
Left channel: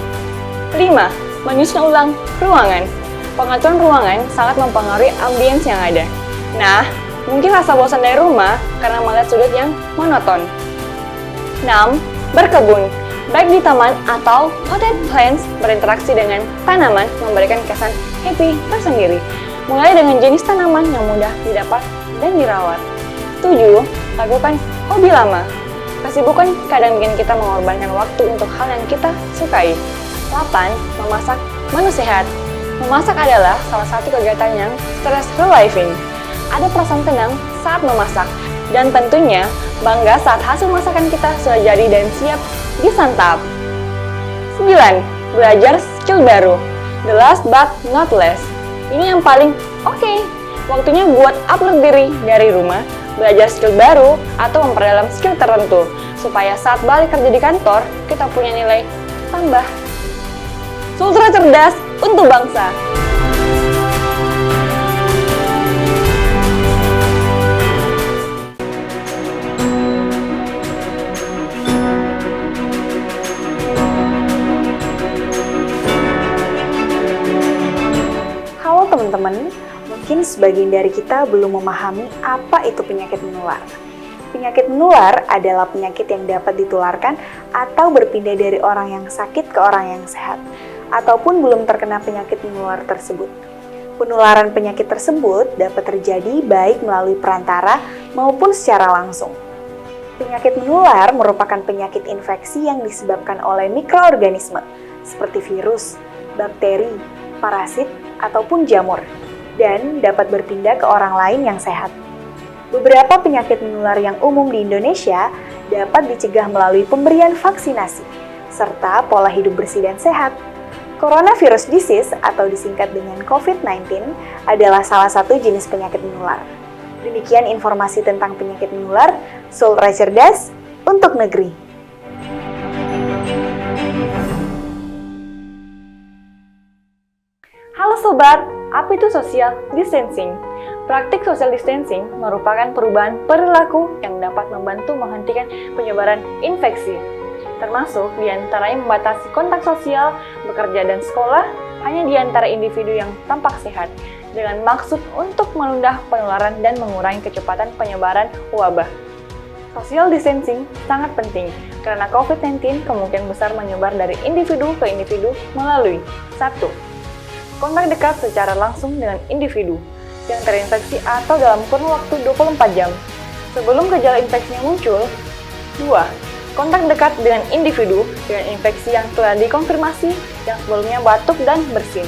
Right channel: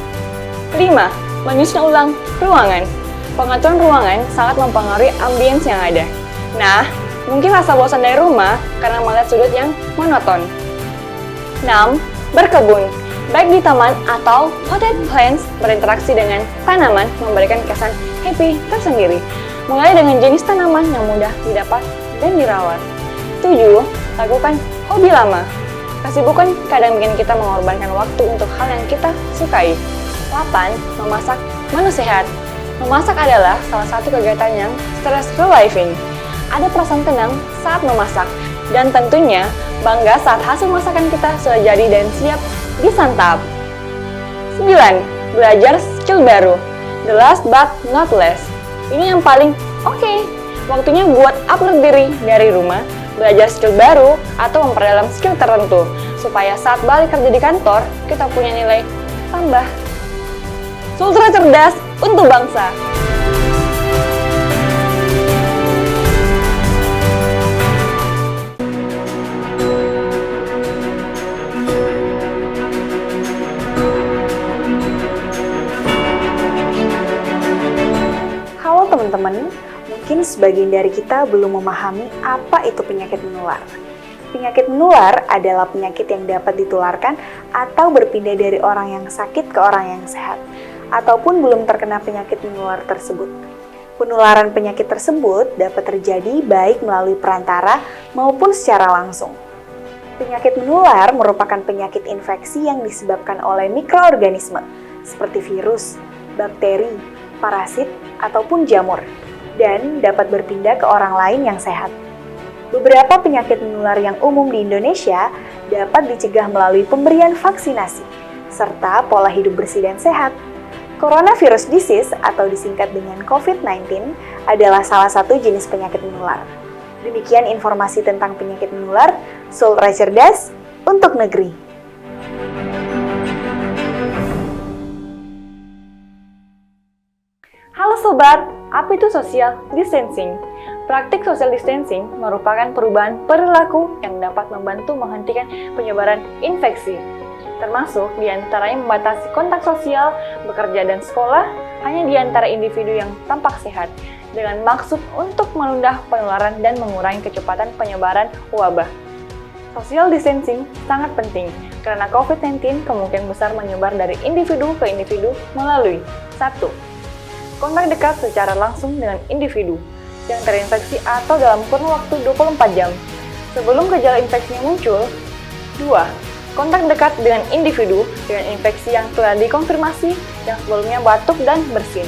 5. Menyusun ulang ruangan. Pengaturan ruangan sangat mempengaruhi ambience yang ada. Nah, mungkin rasa bosan dari rumah karena melihat sudut yang monoton. 6. Berkebun. Baik di taman atau potted plants, berinteraksi dengan tanaman memberikan kesan happy tersendiri. Mulai dengan jenis tanaman yang mudah didapat dan dirawat. 7. Lakukan hobi lama. Kesibukan kadang bikin kita mengorbankan waktu untuk hal yang kita sukai. 8. Memasak menu sehat. Memasak adalah salah satu kegiatan yang stress relieving. Ada perasaan tenang saat memasak, dan tentunya bangga saat hasil masakan kita sudah jadi dan siap disantap. 9. Belajar skill baru. The last but not least. Ini yang paling oke. Waktunya buat upload diri dari rumah, belajar skill baru, atau memperdalam skill tertentu, supaya saat balik kerja di kantor, kita punya nilai tambah. Sultra cerdas untuk bangsa. Halo teman-teman, mungkin sebagian dari kita belum memahami apa itu penyakit menular. Penyakit menular adalah penyakit yang dapat ditularkan atau berpindah dari orang yang sakit ke orang yang sehat, ataupun belum terkena penyakit menular tersebut. Penularan penyakit tersebut dapat terjadi baik melalui perantara maupun secara langsung. Penyakit menular merupakan penyakit infeksi yang disebabkan oleh mikroorganisme, seperti virus, bakteri, parasit, ataupun jamur, dan dapat berpindah ke orang lain yang sehat. Beberapa penyakit menular yang umum di Indonesia dapat dicegah melalui pemberian vaksinasi, serta pola hidup bersih dan sehat. Coronavirus disease atau disingkat dengan COVID-19 adalah salah satu jenis penyakit menular. Demikian informasi tentang penyakit menular, Sultra Cerdas untuk negeri. Halo Sobat, apa itu social distancing? Praktik social distancing merupakan perubahan perilaku yang dapat membantu menghentikan penyebaran infeksi, termasuk diantaranya membatasi kontak sosial, bekerja dan sekolah hanya di antara individu yang tampak sehat, dengan maksud untuk menunda penularan dan mengurangi kecepatan penyebaran wabah. Social distancing sangat penting karena COVID-19 kemungkinan besar menyebar dari individu ke individu melalui 1. Kontak dekat secara langsung dengan individu yang terinfeksi atau dalam kurun waktu 24 jam sebelum gejala infeksinya muncul. 2. Kontak dekat dengan individu dengan infeksi yang telah dikonfirmasi yang sebelumnya batuk dan bersin.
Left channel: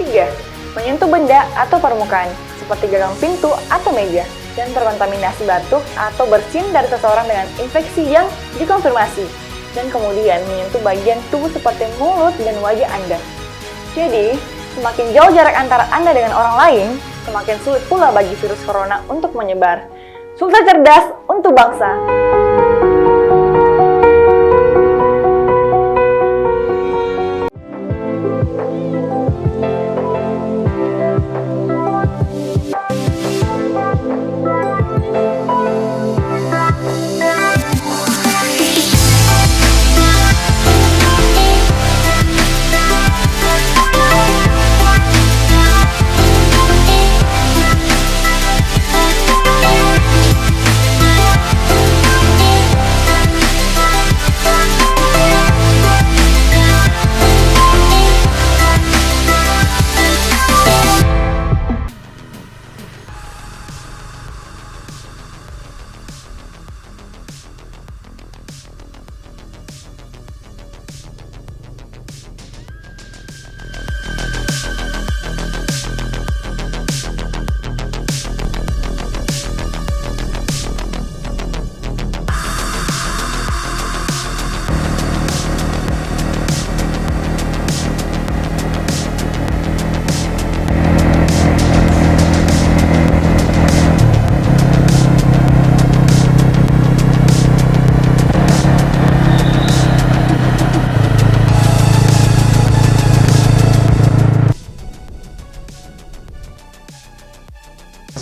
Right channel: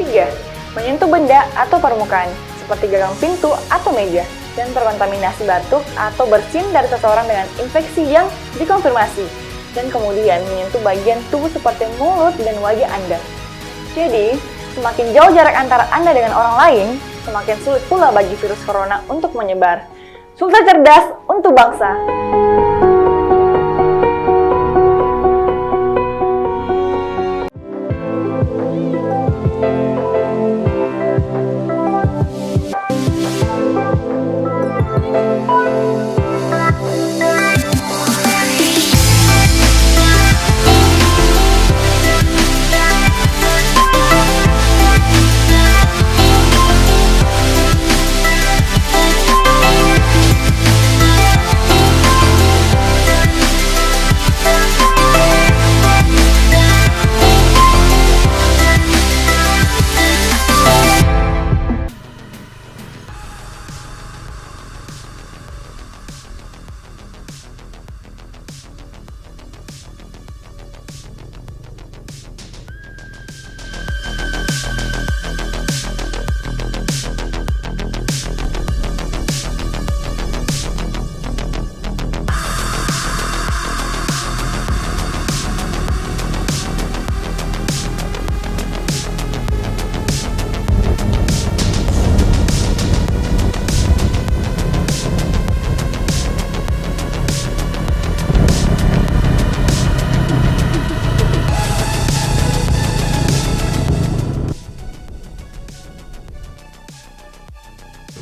3. Menyentuh benda atau permukaan seperti gagang pintu atau meja yang terkontaminasi batuk atau bersin dari seseorang dengan infeksi yang dikonfirmasi dan kemudian menyentuh bagian tubuh seperti mulut dan wajah Anda. Jadi, semakin jauh jarak antara Anda dengan orang lain, semakin sulit pula bagi virus corona untuk menyebar. Sultra Cerdas untuk bangsa.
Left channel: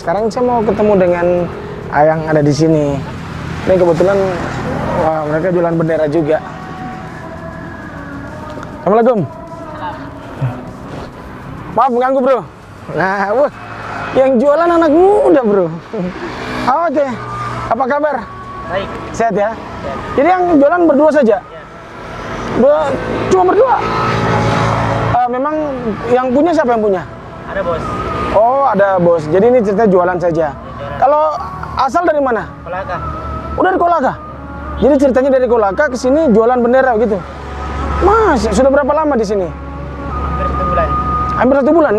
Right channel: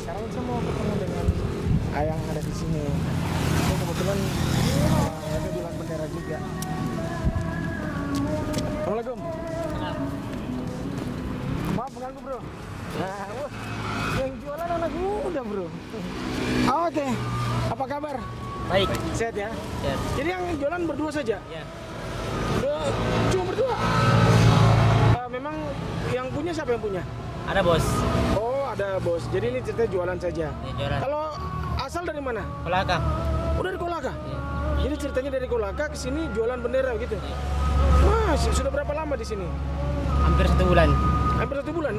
Sekarang saya mau ketemu dengan yang ada di sini. Ini kebetulan mereka jualan bendera juga. Assalamualaikum. Maaf mengganggu bro. Nah, yang jualan anak muda bro. Oke. Apa kabar? Baik. Sehat ya? Jadi yang jualan berdua saja? Cuma berdua? Memang yang punya siapa yang punya? Ada bos. Oh, ada bos. Jadi ini cerita jualan saja. Kalau asal dari mana? Kolaka. Udah dari Kolaka. Jadi ceritanya dari Kolaka ke sini jualan bendera gitu. Mas, sudah berapa lama di sini? Hampir 1 bulan. Hampir 1 bulan.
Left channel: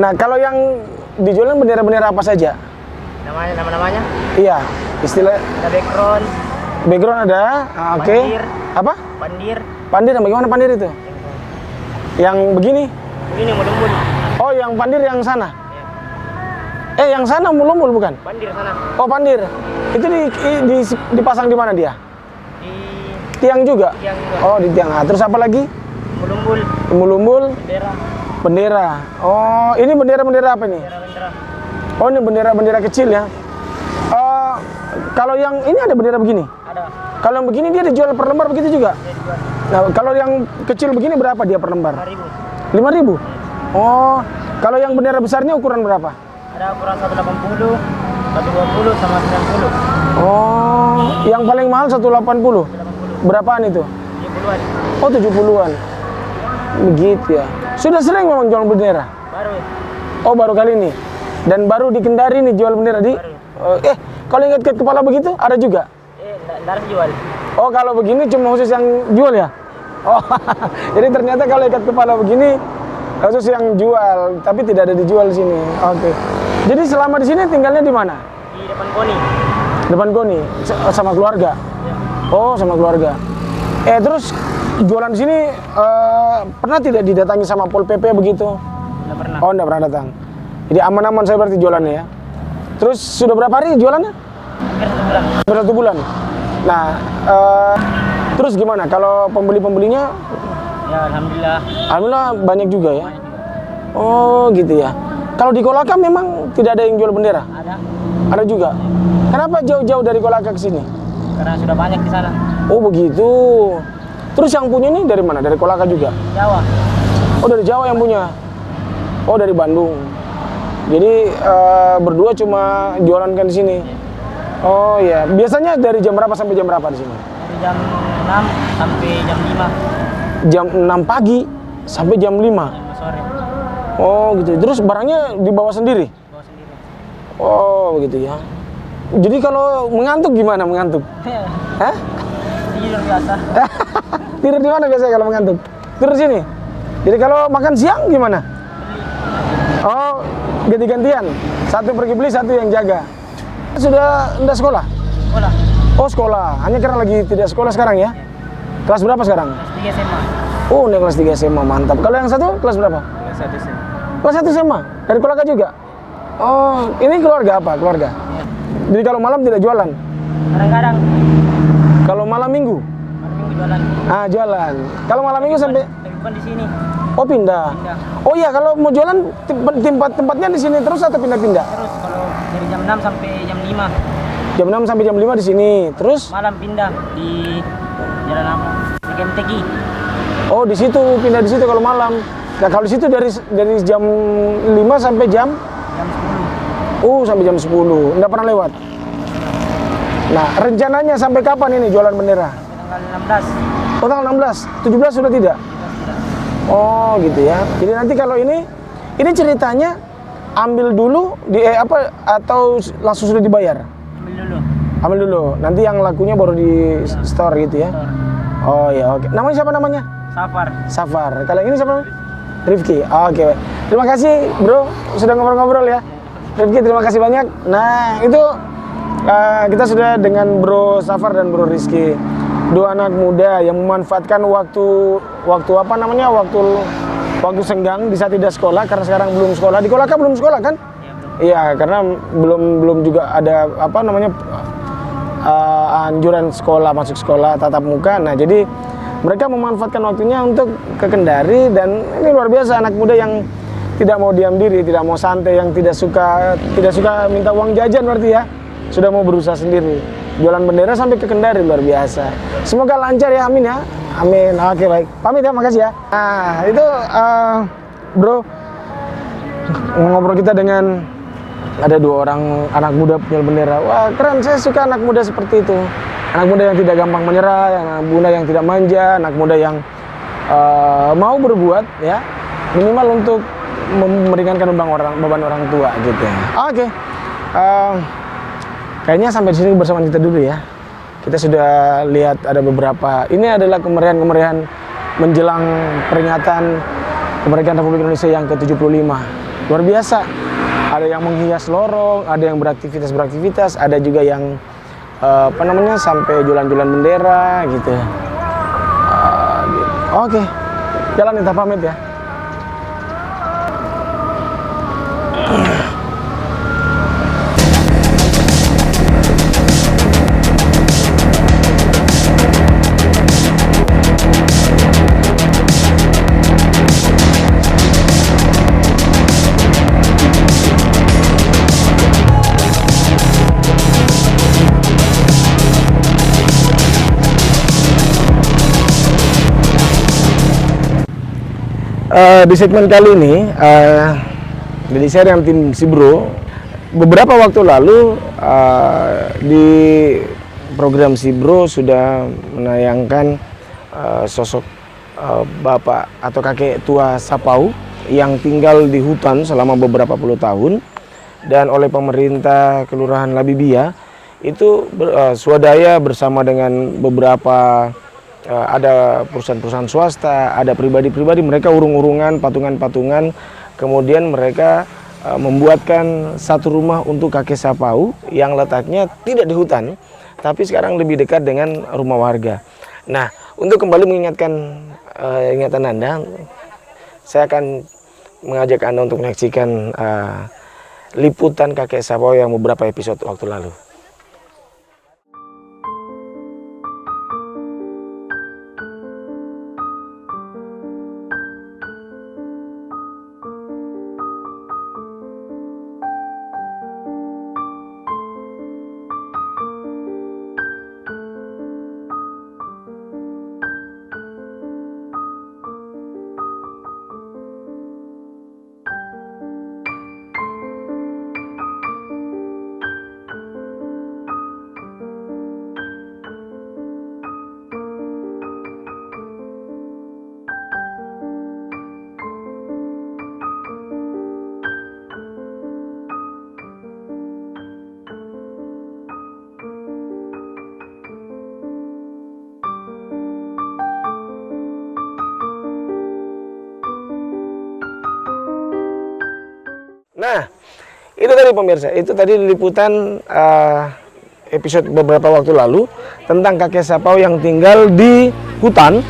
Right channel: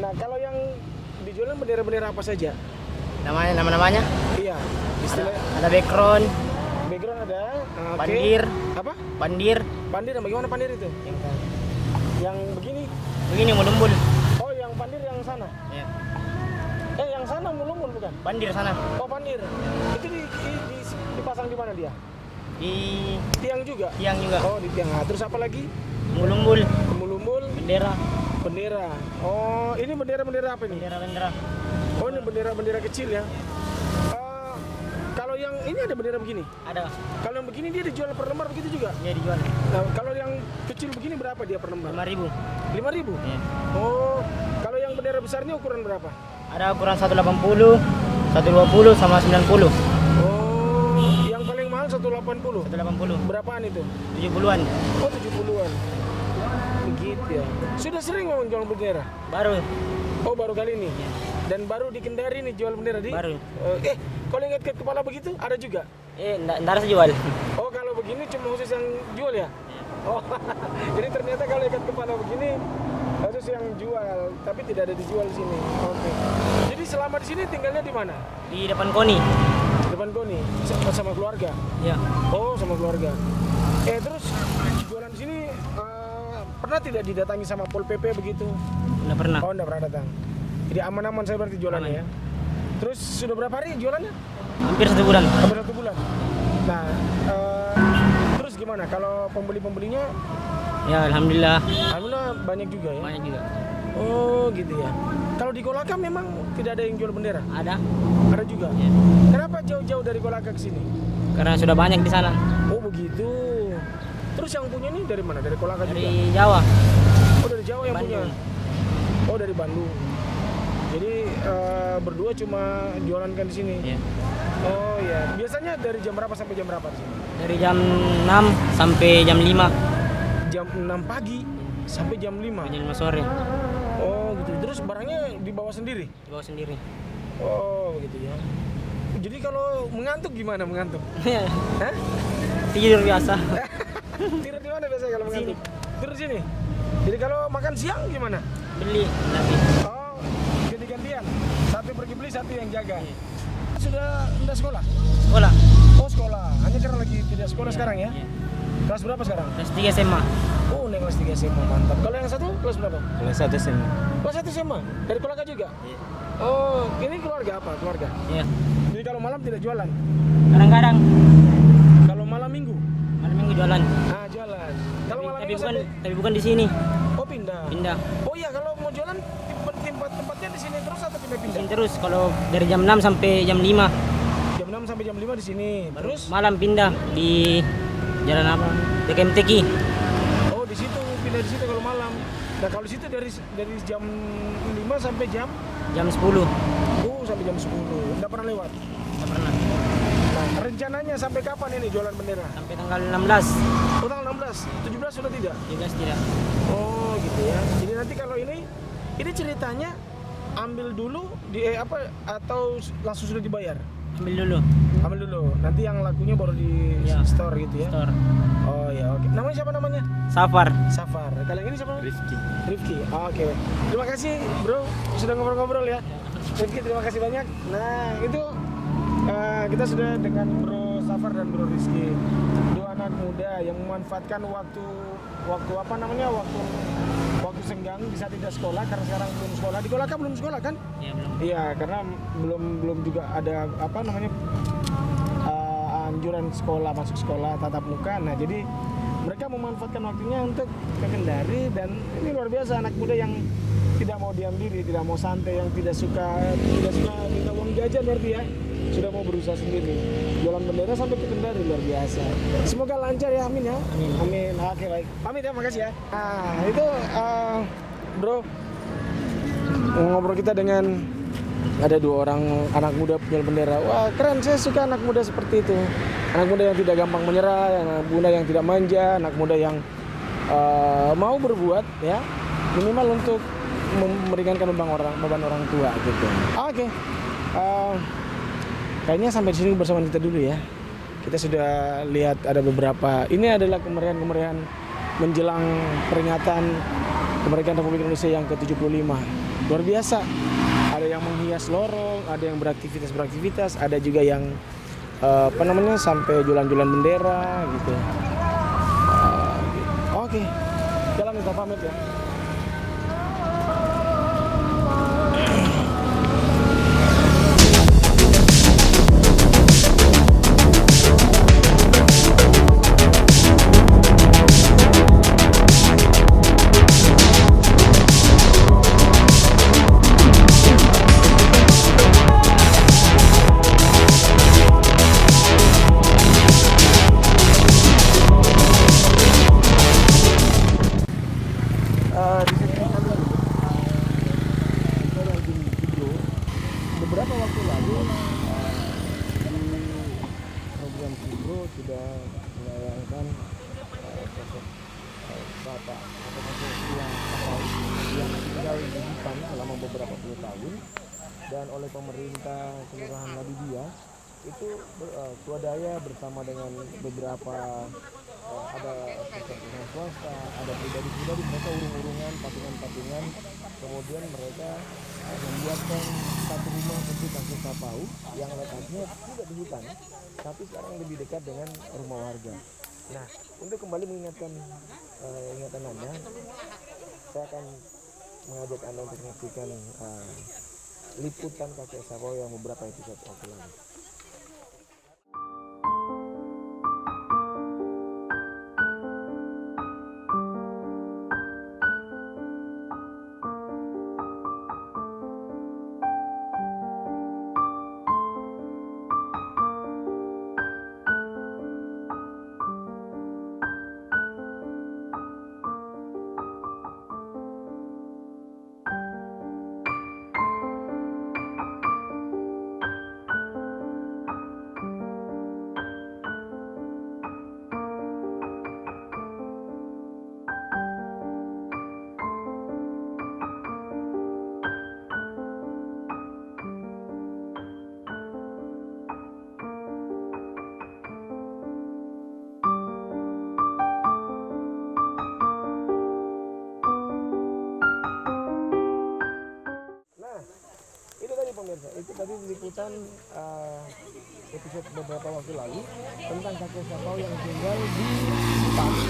Nah, kalau yang dijualan bendera-bendera apa saja? Nama-namanya? Iya, istilah Ada background. background ada. Oke. Pandir. Apa? Pandir. Pandir, bagaimana pandir itu? Yang begini? Begini mulut-mulut. Oh, yang pandir yang sana. Ya. Yang sana mulumbul bukan? Pandir sana. Oh, pandir. Itu dipasang di mana dia? Di Tiang juga? tiang juga. Oh, di tiang. Nah, terus apa lagi? Mulumbul. Mulumbul, Bendera. bendera. Oh, ini bendera-bendera apa nih? Bendera-bendera. Oh, ini bendera-bendera kecil ya. Kalau yang ini ada bendera begini? Ada. Kalau yang begini dia dijual per lembar begitu juga? Dia dijual. Nah, kalau yang kecil begini berapa dia per lembar? 5.000. 5.000? Oh, kalau yang bendera besarnya ukuran berapa? Ada ukuran 180, 120 sama 90. Oh, yang paling mahal 180. 180. Berapaan itu? 70-an. Oh, 70-an. Begitu ya. Sudah sering memang jual bendera? Baru. Oh, baru kali ini. Dan baru di Kendari nih jual bendera di. Baru. Kalau ikat kepala begitu ada juga? Nggak harus jual. Oh, kalau begini cuma khusus yang jual ya? Oh, jadi ternyata kalau ikat kepala begini khusus yang jual, tapi tidak ada dijual di sini. Oke. Jadi selama di sini tinggalnya di mana? Di depan Koni. Depan Koni, sama keluarga. Ya. Oh, sama keluarga. Terus jualan di sini pernah tidak didatangi sama Pol PP begitu? Nggak pernah. Oh, enggak pernah datang. Jadi aman-aman saya berarti jualannya ya. Terus sudah berapa hari jualannya? Hampir 1 bulan. Hampir 1 bulan. Nah, terus gimana kalau pembeli-pembelinya? Ya alhamdulillah. Alhamdulillah banyak juga ya. Banyak juga. Oh, gitu ya. Kalau di Kolaka memang tidak ada yang jual bendera? Ada. Ada juga. Kenapa jauh-jauh dari Kolaka ke sini? Karena sudah banyak di sana. Oh, begitu. Terus yang punya ini dari mana? Dari Kolaka juga? Di Jawa. Oh, dari Jawa yang punya. Oh, dari Bandung. Jadi berdua cuma jualan kan di sini. Iya. Oh ya, biasanya dari jam berapa sampai jam berapa di sini? Dari jam 6 sampai jam 5. Jam 6 pagi sampai jam 5. Jam 5 sore. Oh, gitu. Terus barangnya dibawa sendiri? Bawa sendiri. Oh, begitu ya. Jadi kalau mengantuk gimana mengantuk? Hah? Tidur biasa. Tidur di mana biasanya kalau mengantuk? Tidur sini. Jadi kalau makan siang gimana? Beli. Oh, ganti-gantian. Satu pergi beli, satu yang jaga. Sudah enggak sekolah? Sekolah. Oh, sekolah. Hanya karena lagi tidak sekolah sekarang ya? Kelas berapa sekarang? Kelas 3 SMA. Oh, naik kelas 3 SMA, mantap. Kalau yang satu kelas berapa? Kelas 1 SMA. Kelas 1 SMA? Dari Kolaka juga? Oh, ini keluarga apa? Keluarga? Iya. Jadi kalau malam tidak jualan? Kadang-kadang. Kalau malam minggu? Malam minggu jualan. Ah, jualan. Kalau malam minggu sampai... Tapi bukan di sini. Oh, pindah? Pindah. Oh iya, kalau mau jualan tempatnya di sini terus atau pindah-pindah? Terus kalau dari jam 6 sampai jam 5. Jam 6 sampai jam 5 di sini. Terus? Malam pindah di jalan apa? DKMTQ. Oh, di situ, pindah di situ kalau malam. Nah, kalau di situ dari jam 5 sampai jam? Jam 10. Oh, sampai jam 10. Nggak pernah lewat? Nah, rencananya sampai kapan ini jualan bendera? Sampai tanggal 16. Oh, tanggal 16. 17 sudah tidak? 17 tidak. Oh, gitu ya. Jadi nanti kalau ini ceritanya ambil dulu atau langsung sudah dibayar? Ambil dulu. Ambil dulu. Nanti yang lakunya baru di store gitu ya. Store. Oh ya, oke. Namanya siapa namanya? Safar. Safar. Kalau yang ini siapa? Rifki. Oke. Terima kasih, Bro, sudah ngobrol-ngobrol ya. Rifki, terima kasih banyak. Nah, itu kita sudah dengan Bro Safar dan Bro Rizky. Dua anak muda yang memanfaatkan waktu apa namanya? Waktu senggang di saat tidak sekolah karena sekarang belum sekolah. Di Kolaka belum sekolah kan? Iya, belum. Iya, karena belum juga ada apa namanya anjuran sekolah, masuk sekolah tatap muka. Nah, jadi mereka memanfaatkan waktunya untuk ke Kendari dan ini luar biasa anak muda yang tidak mau diam diri, tidak mau santai, yang tidak suka minta uang jajan berarti ya. Sudah mau berusaha sendiri. Jualan bendera sampai ke Kendari, luar biasa. Semoga lancar ya, amin ya. Amin. Oke, baik. Pamit ya, makasih ya. Nah, itu Bro, ngobrol kita dengan ada 2 orang anak muda punya bendera. Wah, keren. Saya suka anak muda seperti itu. Anak muda yang tidak gampang menyerah, anak muda yang tidak manja, anak muda yang mau berbuat ya, minimal untuk meringankan beban orang tua gitu. Oke. Kayaknya sampai sini bersama kita dulu ya. Kita sudah lihat ada beberapa. Ini adalah kemeriahan menjelang peringatan kemerdekaan Republik Indonesia yang ke-75. Luar biasa. Ada yang menghias lorong, ada yang beraktivitas, ada juga yang sampai jualan-jualan bendera gitu. Oke. Jalan kita pamit ya. Di segmen kali ini, dari saya dengan tim Sibro, beberapa waktu lalu di program Sibro sudah menayangkan sosok bapak atau kakek tua Sapau yang tinggal di hutan selama beberapa puluh tahun dan oleh pemerintah Kelurahan Labibia itu swadaya bersama dengan beberapa ada perusahaan-perusahaan swasta, ada pribadi-pribadi, mereka urung-urungan, patungan-patungan, kemudian mereka membuatkan satu rumah untuk kakek Sapau yang letaknya tidak di hutan, tapi sekarang lebih dekat dengan rumah warga. Nah, Untuk kembali mengingatkan ingatan Anda, saya akan mengajak Anda untuk menyaksikan liputan kakek Sapau yang beberapa episode waktu lalu. Nah, itu tadi pemirsa, itu tadi liputan episode beberapa waktu lalu tentang kakek Sapau yang tinggal di hutan,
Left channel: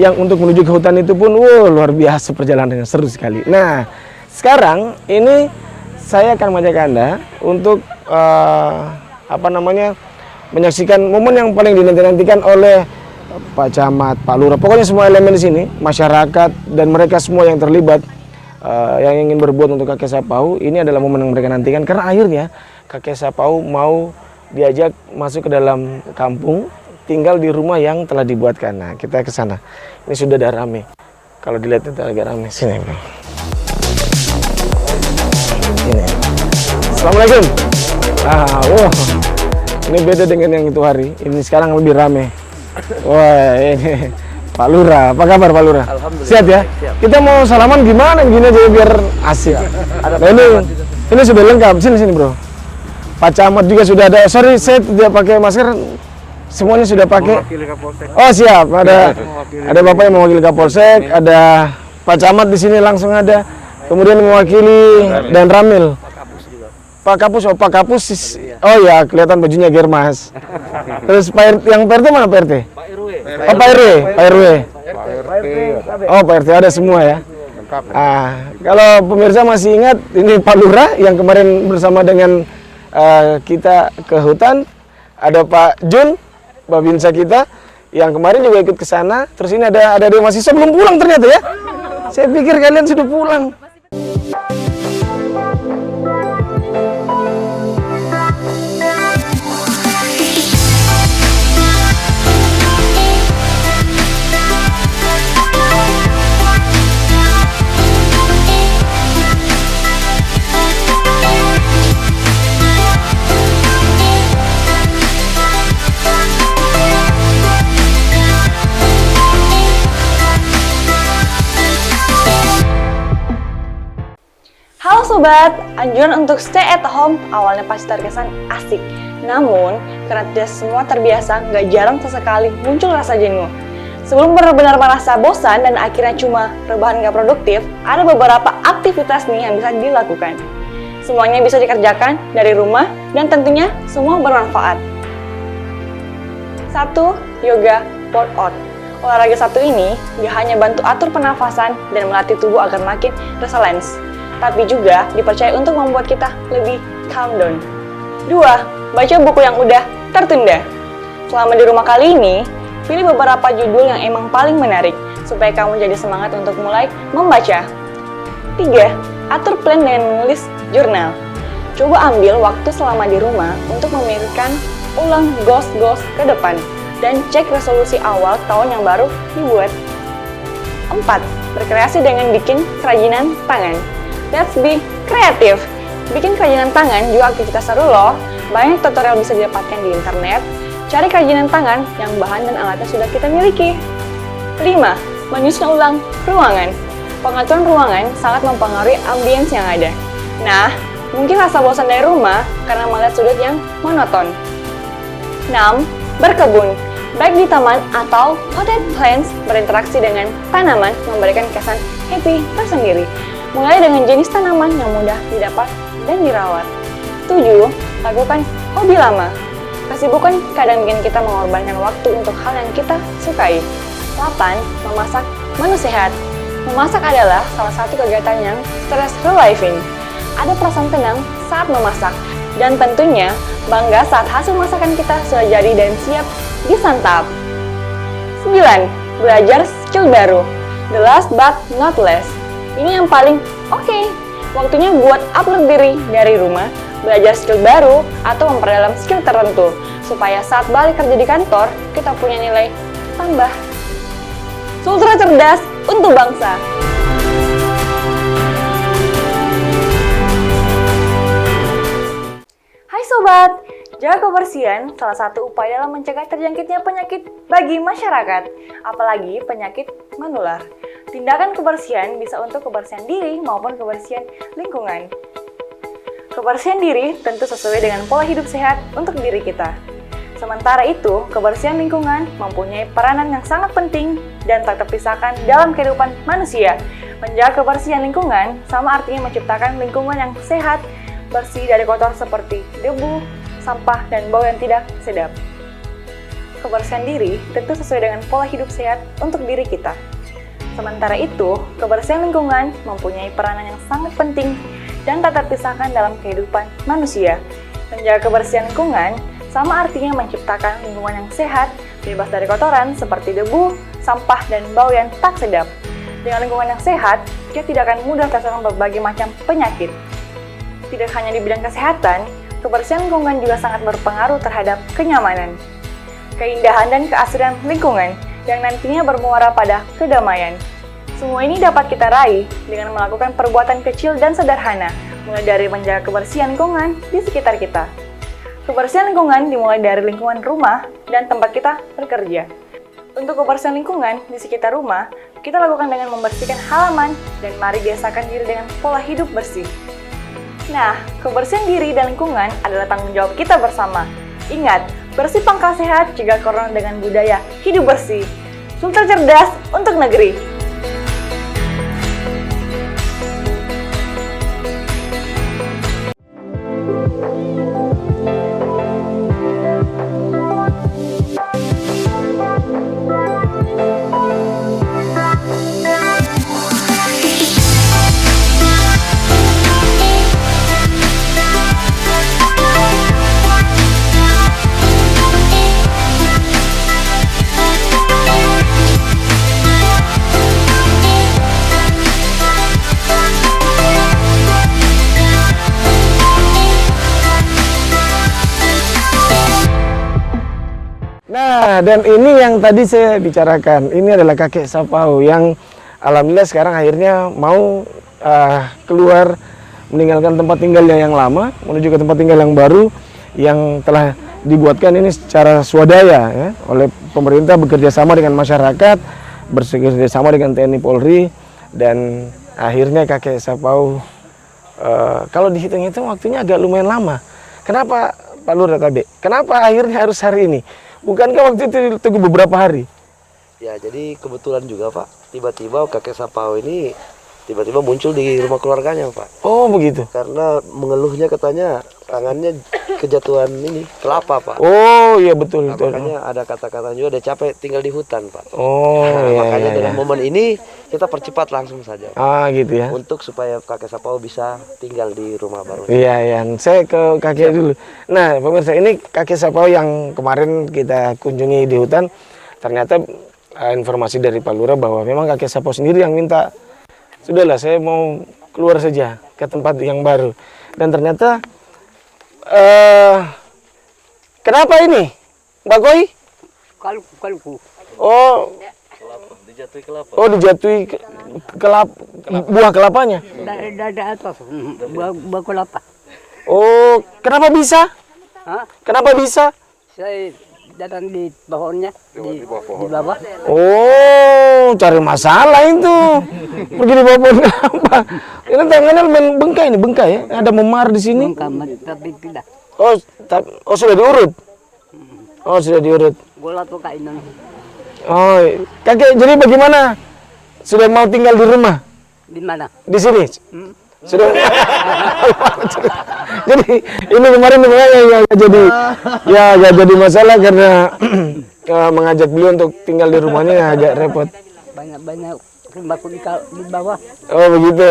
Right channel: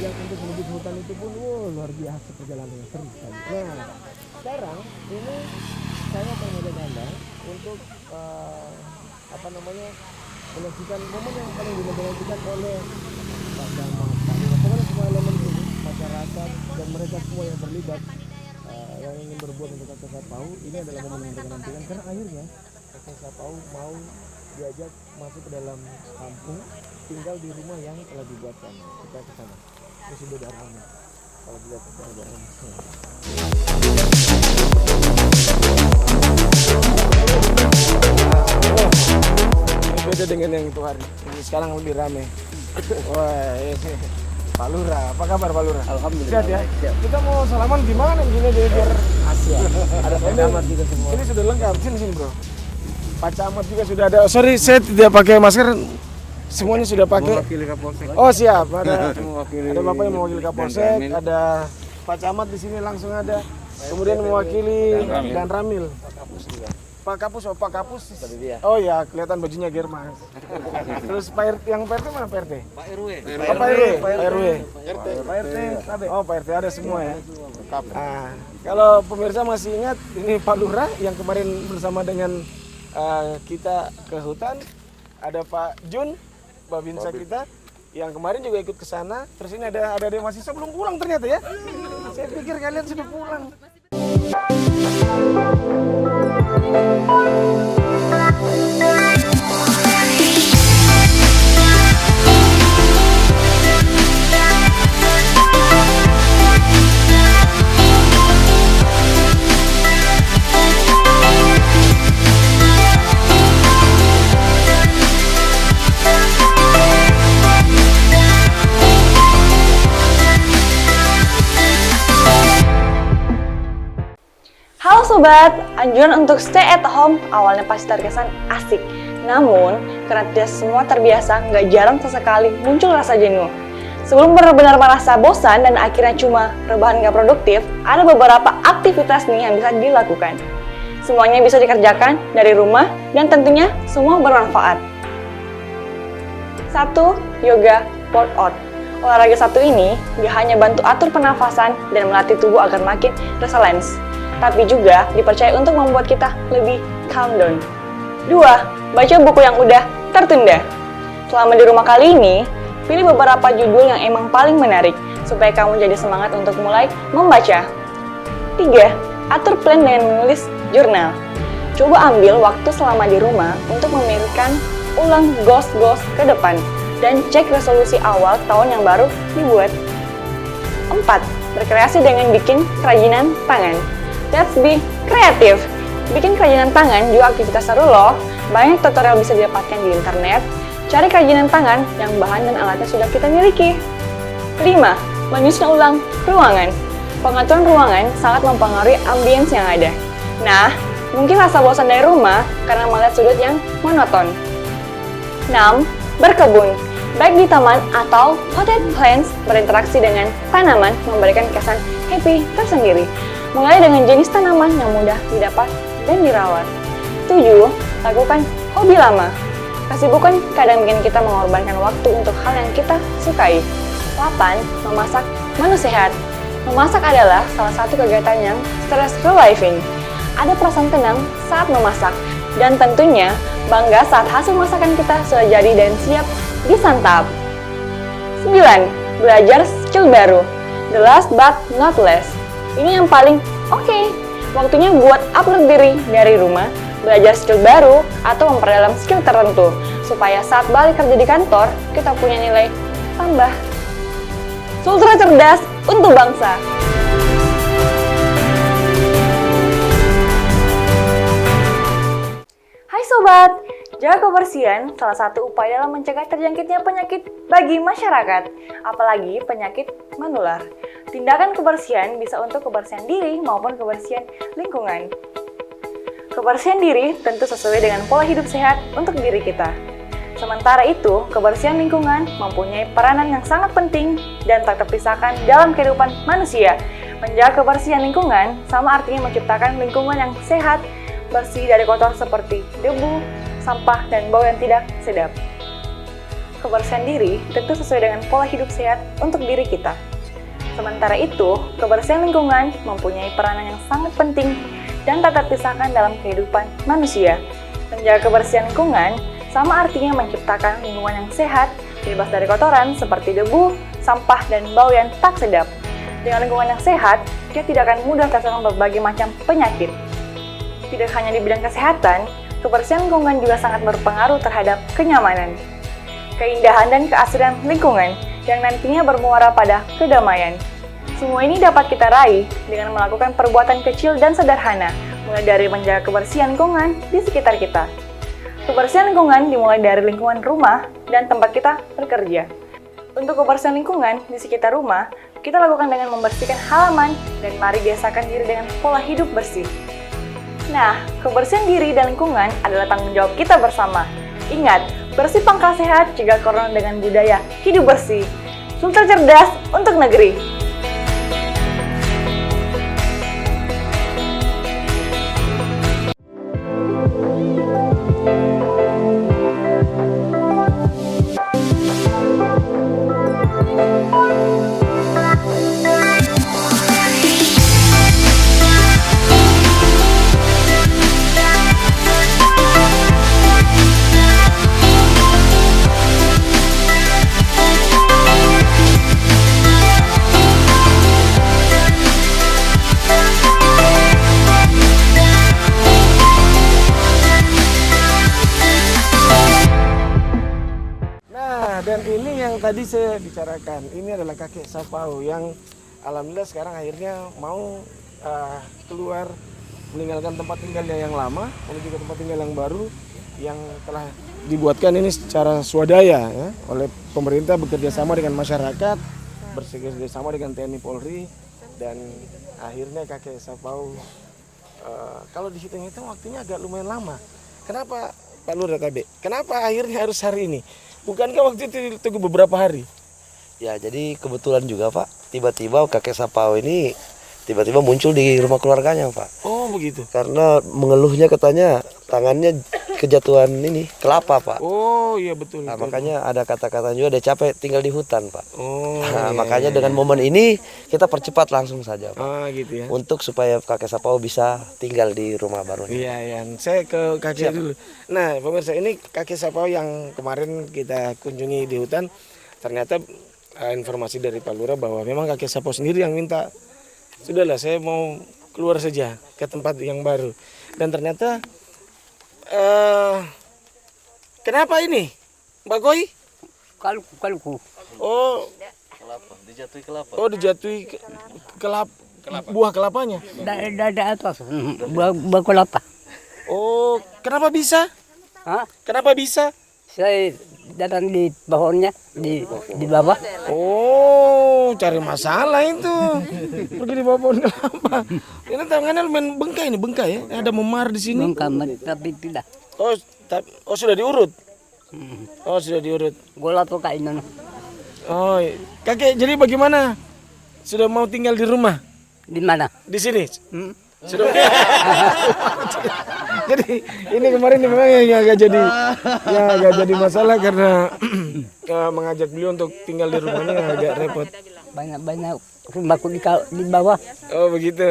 yang untuk menuju ke hutan itu pun luar biasa perjalanannya, seru sekali. Nah, sekarang ini saya akan mengajak Anda untuk menyaksikan momen yang paling dinanti-nantikan oleh Pak Camat, Pak Lurah, pokoknya semua elemen di sini, masyarakat dan mereka semua yang terlibat. Yang ingin berbuat untuk kakek Sapau, ini adalah momen yang mereka nantikan karena akhirnya kakek Sapau mau diajak masuk ke dalam kampung, tinggal di rumah yang telah dibuatkan. Nah, kita ke sana. Ini sudah ada rame. Kalau dilihat itu agak rame. Sini, Bro. Ini. Assalamualaikum. Wah. Ini beda dengan yang itu hari. Ini sekarang lebih rame. Wah, ini Pak Lurah, apa kabar Pak Lurah? Alhamdulillah. Sehat ya? Siap. Kita mau salaman gimana gini aja biar asik. Nah, ini sudah lengkap. Sini Bro. Pak Camat juga sudah ada. Sorry, saya tidak pakai masker. Semuanya sudah pakai. Oh siap. Ada Bapak yang mewakili Kapolsek, ada Pak Camat di sini langsung ada. Kemudian mewakili dan Ramil. Pak Kapus. Oh ya, kelihatan bajunya Germas. Terus yang PRT mana PRT? Pak RW. Oh, Pak RW. Oh, Pak RT ada semua ya. Kalau pemirsa masih ingat, ini Pak Lurah yang kemarin bersama dengan kita ke hutan. Ada Pak Jun, Babinsa kita, yang kemarin juga ikut ke sana. Terus ini ada mahasiswa belum pulang ternyata ya. Saya pikir kalian sudah pulang. Halo Sobat, anjuran untuk stay at home awalnya pasti terkesan asik. Namun, karena tidak semua terbiasa, nggak jarang sesekali muncul rasa jenuh. Sebelum benar-benar merasa bosan dan akhirnya cuma rebahan nggak produktif, ada beberapa aktivitas nih yang bisa dilakukan. Semuanya bisa dikerjakan dari rumah dan tentunya semua bermanfaat. 1. Yoga workout. Olahraga satu ini nggak hanya bantu atur pernafasan dan melatih tubuh agar makin resilience, tapi juga dipercaya untuk membuat kita lebih calm down. 2. Baca buku yang udah tertunda. Selama di rumah kali ini, pilih beberapa judul yang emang paling menarik, supaya kamu jadi semangat untuk mulai membaca. 3. Atur plan dengan menulis jurnal. Coba ambil waktu selama di rumah untuk memikirkan ulang goals ke depan, dan cek resolusi awal tahun yang baru dibuat. 4. Berkreasi dengan bikin kerajinan tangan. Let's be kreatif. Bikin kerajinan tangan juga aktivitas seru loh. Banyak tutorial bisa didapatkan di internet. Cari kerajinan tangan yang bahan dan alatnya sudah kita miliki. 5. Menyusun ulang ruangan. Pengaturan ruangan sangat mempengaruhi ambience yang ada. Nah, mungkin rasa bosan dari rumah karena melihat sudut yang monoton. 6. Berkebun. Baik di taman atau potted plants, berinteraksi dengan tanaman memberikan kesan happy tersendiri. Mulai dengan jenis tanaman yang mudah didapat dan dirawat. 7. Lakukan hobi lama. Kesibukan kadang bikin kita mengorbankan waktu untuk hal yang kita sukai. 8. Memasak menu sehat. Memasak adalah salah satu kegiatan yang stress relieving. Ada perasaan tenang saat memasak. Dan tentunya bangga saat hasil masakan kita sudah jadi dan siap disantap. 9. Belajar skill baru. The last but not least. Ini yang paling oke. Waktunya buat upload diri dari rumah, belajar skill baru, atau memperdalam skill tertentu, supaya saat balik kerja di kantor, kita punya nilai tambah. Sultra cerdas untuk bangsa. Hai Sobat, jaga kebersihan salah satu upaya dalam mencegah terjangkitnya penyakit bagi masyarakat, apalagi penyakit menular. Tindakan kebersihan bisa untuk kebersihan diri maupun kebersihan lingkungan. Kebersihan diri tentu sesuai dengan pola hidup sehat untuk diri kita. Sementara itu, kebersihan lingkungan mempunyai peranan yang sangat penting dan tak terpisahkan dalam kehidupan manusia. Menjaga kebersihan lingkungan sama artinya menciptakan lingkungan yang sehat, bersih dari kotor seperti debu, sampah, dan bau yang tidak sedap. Kebersihan diri tentu sesuai dengan pola hidup sehat untuk diri kita. Sementara itu, kebersihan lingkungan mempunyai peranan yang sangat penting dan tak terpisahkan dalam kehidupan manusia. Menjaga kebersihan lingkungan sama artinya menciptakan lingkungan yang sehat, bebas dari kotoran seperti debu, sampah, dan bau yang tak sedap. Dengan lingkungan yang sehat, dia tidak akan mudah terserang berbagai macam penyakit. Tidak hanya di bidang kesehatan, kebersihan lingkungan juga sangat berpengaruh terhadap kenyamanan, keindahan, dan keasrian lingkungan yang nantinya bermuara pada kedamaian. Semua ini dapat kita raih dengan melakukan perbuatan kecil dan sederhana, mulai dari menjaga kebersihan lingkungan di sekitar kita. Kebersihan lingkungan dimulai dari lingkungan rumah dan tempat kita bekerja. Untuk kebersihan lingkungan di sekitar rumah, kita lakukan dengan membersihkan halaman dan mari biasakan diri dengan pola hidup bersih. Nah, kebersihan diri dan lingkungan adalah tanggung jawab kita bersama. Ingat, bersih pangkal sehat, cegah corona dengan budaya hidup bersih. Sultra cerdas untuk negeri. Dan ini yang tadi saya bicarakan, ini adalah kakek Sapau yang alhamdulillah sekarang akhirnya mau keluar meninggalkan tempat tinggalnya yang lama menuju ke tempat tinggal yang baru yang telah dibuatkan ini secara swadaya ya, oleh pemerintah bekerja sama dengan masyarakat, bekerja sama dengan TNI Polri, dan akhirnya kakek Sapau kalau dihitung-hitung waktunya agak lumayan lama. Kenapa Pak Lurah Tabe? Kenapa akhirnya harus hari ini? Bukankah waktu itu tunggu beberapa hari? Ya, jadi kebetulan juga Pak, tiba-tiba kakek Sapau ini tiba-tiba muncul di rumah keluarganya Pak. Oh begitu? Karena mengeluhnya katanya tangannya kejatuhan ini, kelapa Pak. Oh iya betul. Nah, betul. makanya ada kata-kata juga, ada capek tinggal di hutan Pak. Oh nah, iya, makanya iya, dengan iya. momen ini kita percepat langsung saja Pak. Ah gitu ya. Untuk supaya kakek Sapau bisa tinggal di rumah baru. Iya, iya. Saya ke kakek dulu. Nah, pemirsa, ini kakek Sapau yang kemarin kita kunjungi di hutan. Ternyata informasi dari Pak Lurah bahwa memang kakek Sapau sendiri yang minta, sudahlah saya mau keluar saja ke tempat yang baru. Dan ternyata, kenapa ini, Mbak Koi? Kalku. Oh, dijatuhi buah kelapanya. Dari atas. Buah kelapa. Oh, kenapa bisa? Hah? Kenapa bisa? Saya datang di pohonnya di bawah. Oh, cari masalah itu. Pergi di bawah pohon kelapa. Ini tangannya bengkai nih, bengkai ya. Ada memar di sini. Tapi tidak. Oh, sudah diurut. Oh, sudah diurut. Gula tuh kainan. Oh, kakek, jadi bagaimana? Sudah mau tinggal di rumah? Di mana? Di sini? Sudah. Jadi ini kemarin makanya nggak jadi masalah karena mengajak beliau untuk tinggal di rumahnya agak repot. Banyak rumah di bawah. Oh begitu.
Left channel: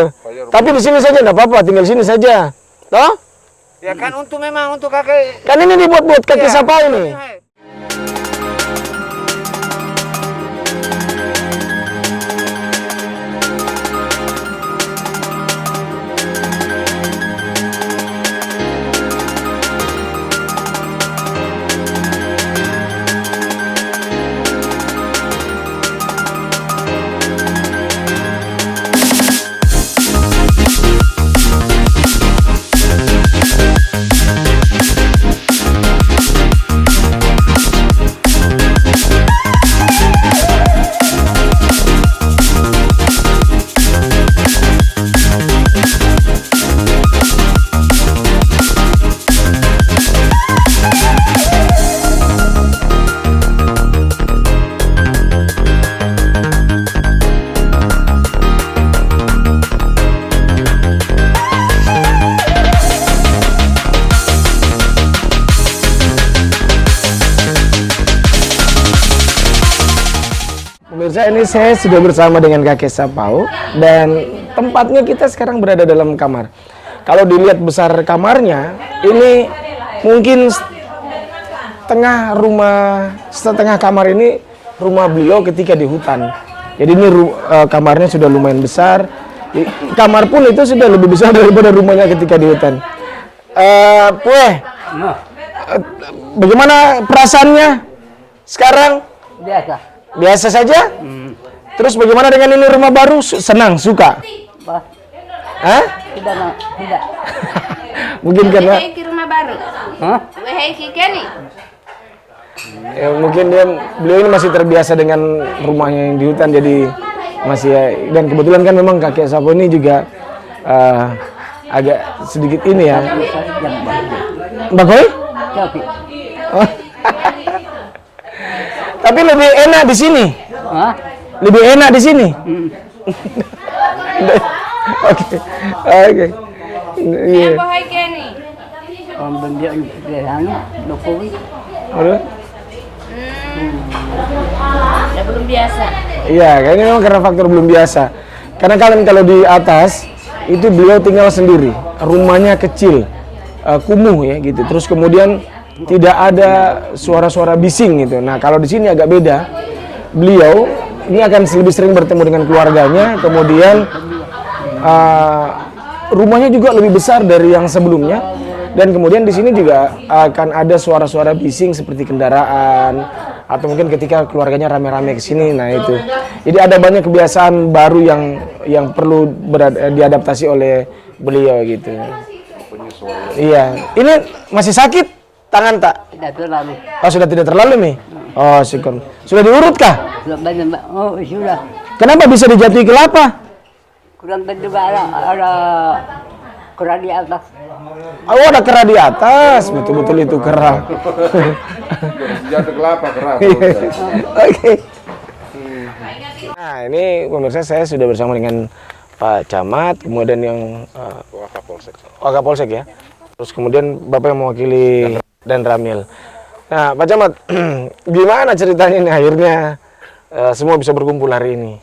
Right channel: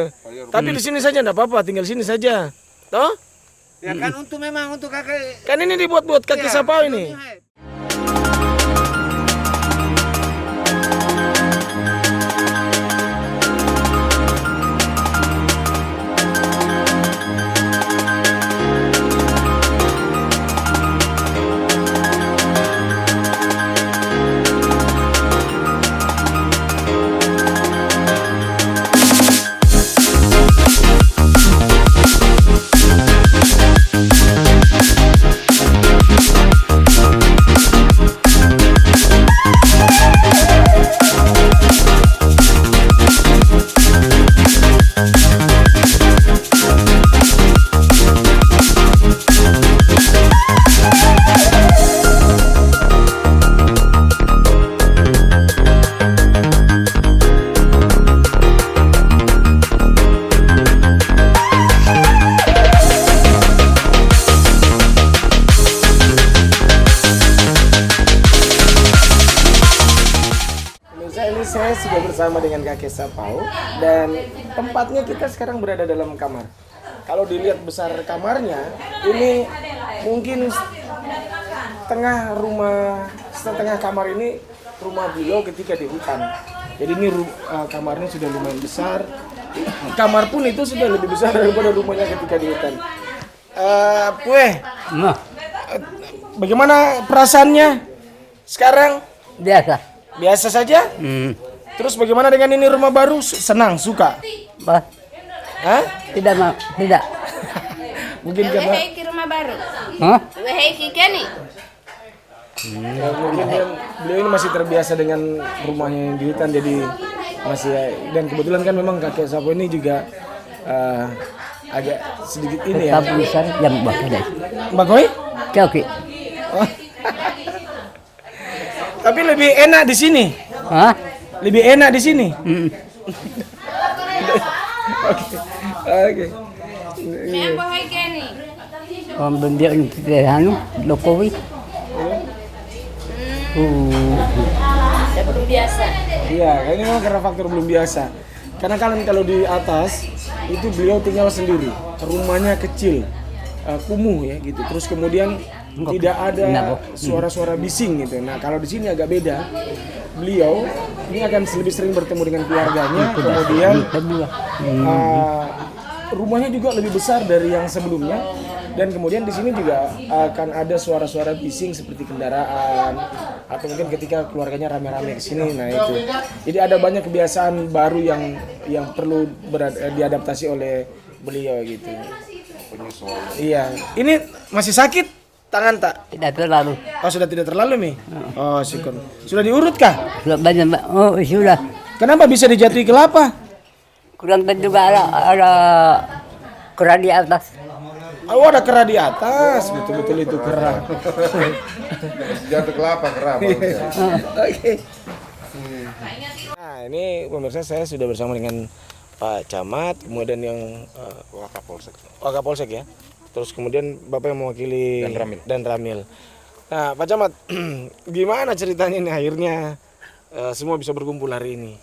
Tapi di sini saja enggak apa-apa, tinggal sini saja. Toh? Ya kan memang untuk kakek. Kan ini dibuat buat kakek Sapa ini. Pemirsa, ini saya sudah bersama dengan kakek Sapau dan tempatnya kita sekarang berada dalam kamar. Kalau dilihat besar kamarnya, ini mungkin setengah kamar ini rumah beliau ketika di hutan. Jadi ini kamarnya sudah lumayan besar. Kamar pun itu sudah lebih besar daripada rumahnya ketika di hutan. Bagaimana perasaannya sekarang? Biasa saja? Terus bagaimana dengan ini rumah baru? Senang, suka? Hah? Tidak. Mungkin karena Ke rumah baru. ya, mungkin beliau ini masih terbiasa dengan rumahnya yang di hutan, jadi masih dan kebetulan kan memang kakek Sapo ini juga agak sedikit ini ya. Bapak? Oke. Tapi lebih enak di sini. Lebih enak di sini. Oke. Iya. Benda Jokowi. Belum biasa. Iya, kayaknya memang karena faktor belum biasa. Karena kalian kalau di atas itu beliau tinggal sendiri, rumahnya kecil, kumuh ya gitu. Terus kemudian tidak ada suara-suara bising gitu. Nah kalau di sini agak beda. Beliau ini akan lebih sering bertemu dengan keluarganya. Kemudian rumahnya juga lebih besar dari yang sebelumnya. Dan kemudian di sini juga akan ada suara-suara bising seperti kendaraan atau mungkin ketika keluarganya rame-rame ke sini. Nah itu. Jadi ada banyak kebiasaan baru yang perlu diadaptasi oleh beliau gitu. Iya. Ini masih sakit tangan tak? Tidak terlalu. Oh, sudah tidak terlalu nih. Oh, syukur. Sudah diurut kah? Sudah banyak. Oh, sudah. Kenapa bisa dijatuhi kelapa? Kurang tentu ada kera di atas. Oh, ada kera di atas. Betul-betul itu kera. Jatuh kelapa keras. Oke. Nah, ini pemirsa saya sudah bersama dengan Pak Camat, kemudian yang Wakapolsek ya. Terus kemudian Bapak yang mewakili dan Ramil. Nah, Pak Camat, gimana ceritanya nih akhirnya semua bisa berkumpul hari ini?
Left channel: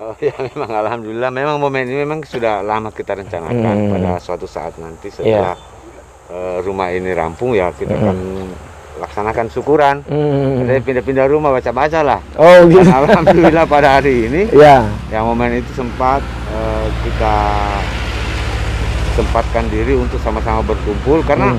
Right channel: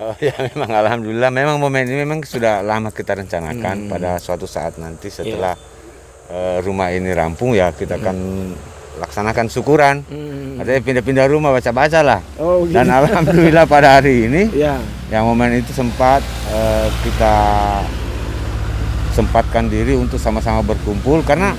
Oh ya, memang alhamdulillah, memang momen ini memang sudah lama kita rencanakan pada suatu saat nanti setelah rumah ini rampung ya kita akan laksanakan syukuran. Katanya pindah-pindah rumah, baca-baca lah. Oh gitu. Dan alhamdulillah pada hari ini, yang momen itu sempat kita sempatkan diri untuk sama-sama berkumpul karena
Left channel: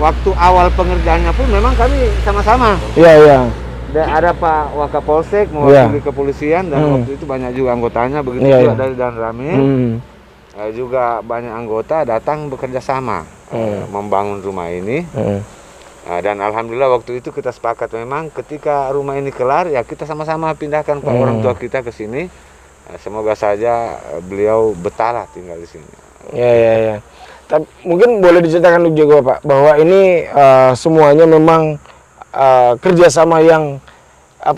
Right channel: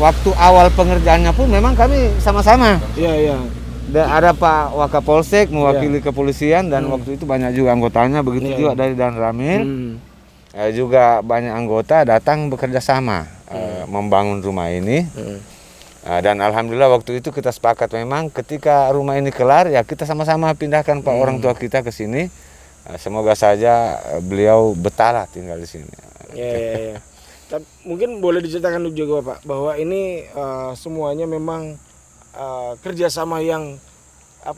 waktu awal pengerjaannya pun memang kami sama-sama. Iya. Dan ada Pak Wakapolsek mewakili kepolisian dan waktu itu banyak juga anggotanya, begitu juga dari Dan Ramil. Juga banyak anggota datang bekerja sama membangun rumah ini. Dan alhamdulillah waktu itu kita sepakat memang ketika rumah ini kelar ya kita sama-sama pindahkan Pak orang tua kita ke sini. Semoga saja beliau betah tinggal di sini. Ya. Tapi mungkin boleh diceritakan juga Pak bahwa ini semuanya memang kerjasama yang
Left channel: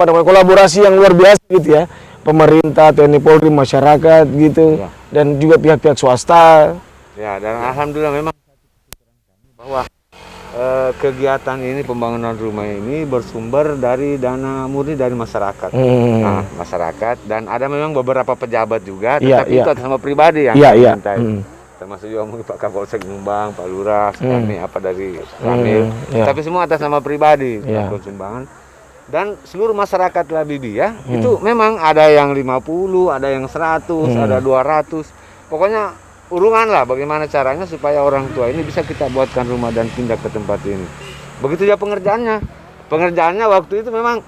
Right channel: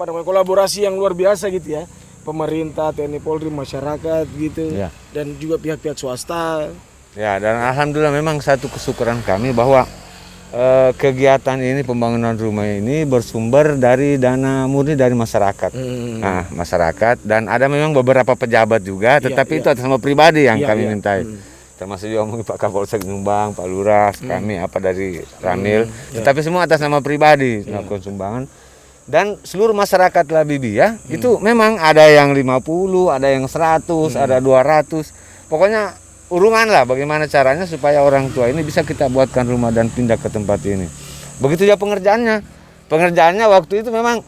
kolaborasi yang luar biasa gitu ya, pemerintah, TNI Polri, masyarakat gitu dan juga pihak-pihak swasta Ya, dan alhamdulillah memang satu kesyukuran kami bahwa kegiatan ini, pembangunan rumah ini bersumber dari dana murni dari masyarakat. Nah, masyarakat, dan ada memang beberapa pejabat juga, tetapi itu atas nama pribadi yang kami mintai. Termasuk juga mungkin Pak Kapolsek nyumbang, Pak Lurah, kami apa dari Ramil, tapi semua atas nama pribadi melakukan sumbangan. Dan seluruh masyarakat Labibia itu memang ada yang 50, ada yang 100, ada 200. Pokoknya urungan lah bagaimana caranya supaya orang tua ini bisa kita buatkan rumah dan pindah ke tempat ini. Begitu juga pengerjaannya. Pengerjaannya waktu itu memang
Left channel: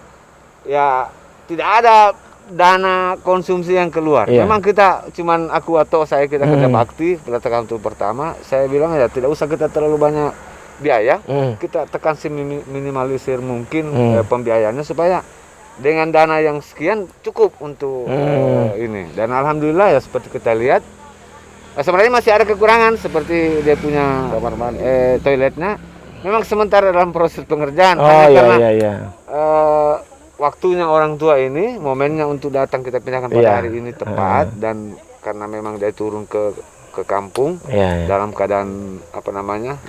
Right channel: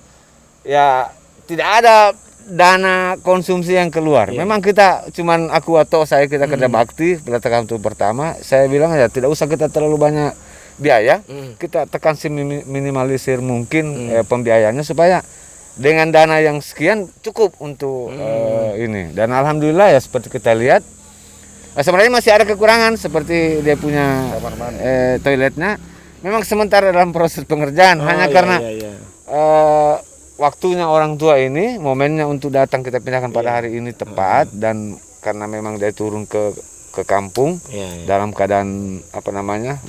ya tidak ada dana konsumsi yang keluar. Memang kita cuman aku atau saya kita kerja bakti, kita tekan untuk pertama. Saya bilang ya tidak usah kita terlalu banyak biaya. Kita tekan minimalisir mungkin pembiayaannya supaya dengan dana yang sekian cukup untuk ini. Dan alhamdulillah ya seperti kita lihat sebenarnya masih ada kekurangan seperti dia punya toiletnya. Memang sementara dalam proses pengerjaan hanya karena waktunya orang tua ini, momennya untuk datang kita pindahkan pada hari ini tepat, dan karena memang dia turun ke kampung dalam keadaan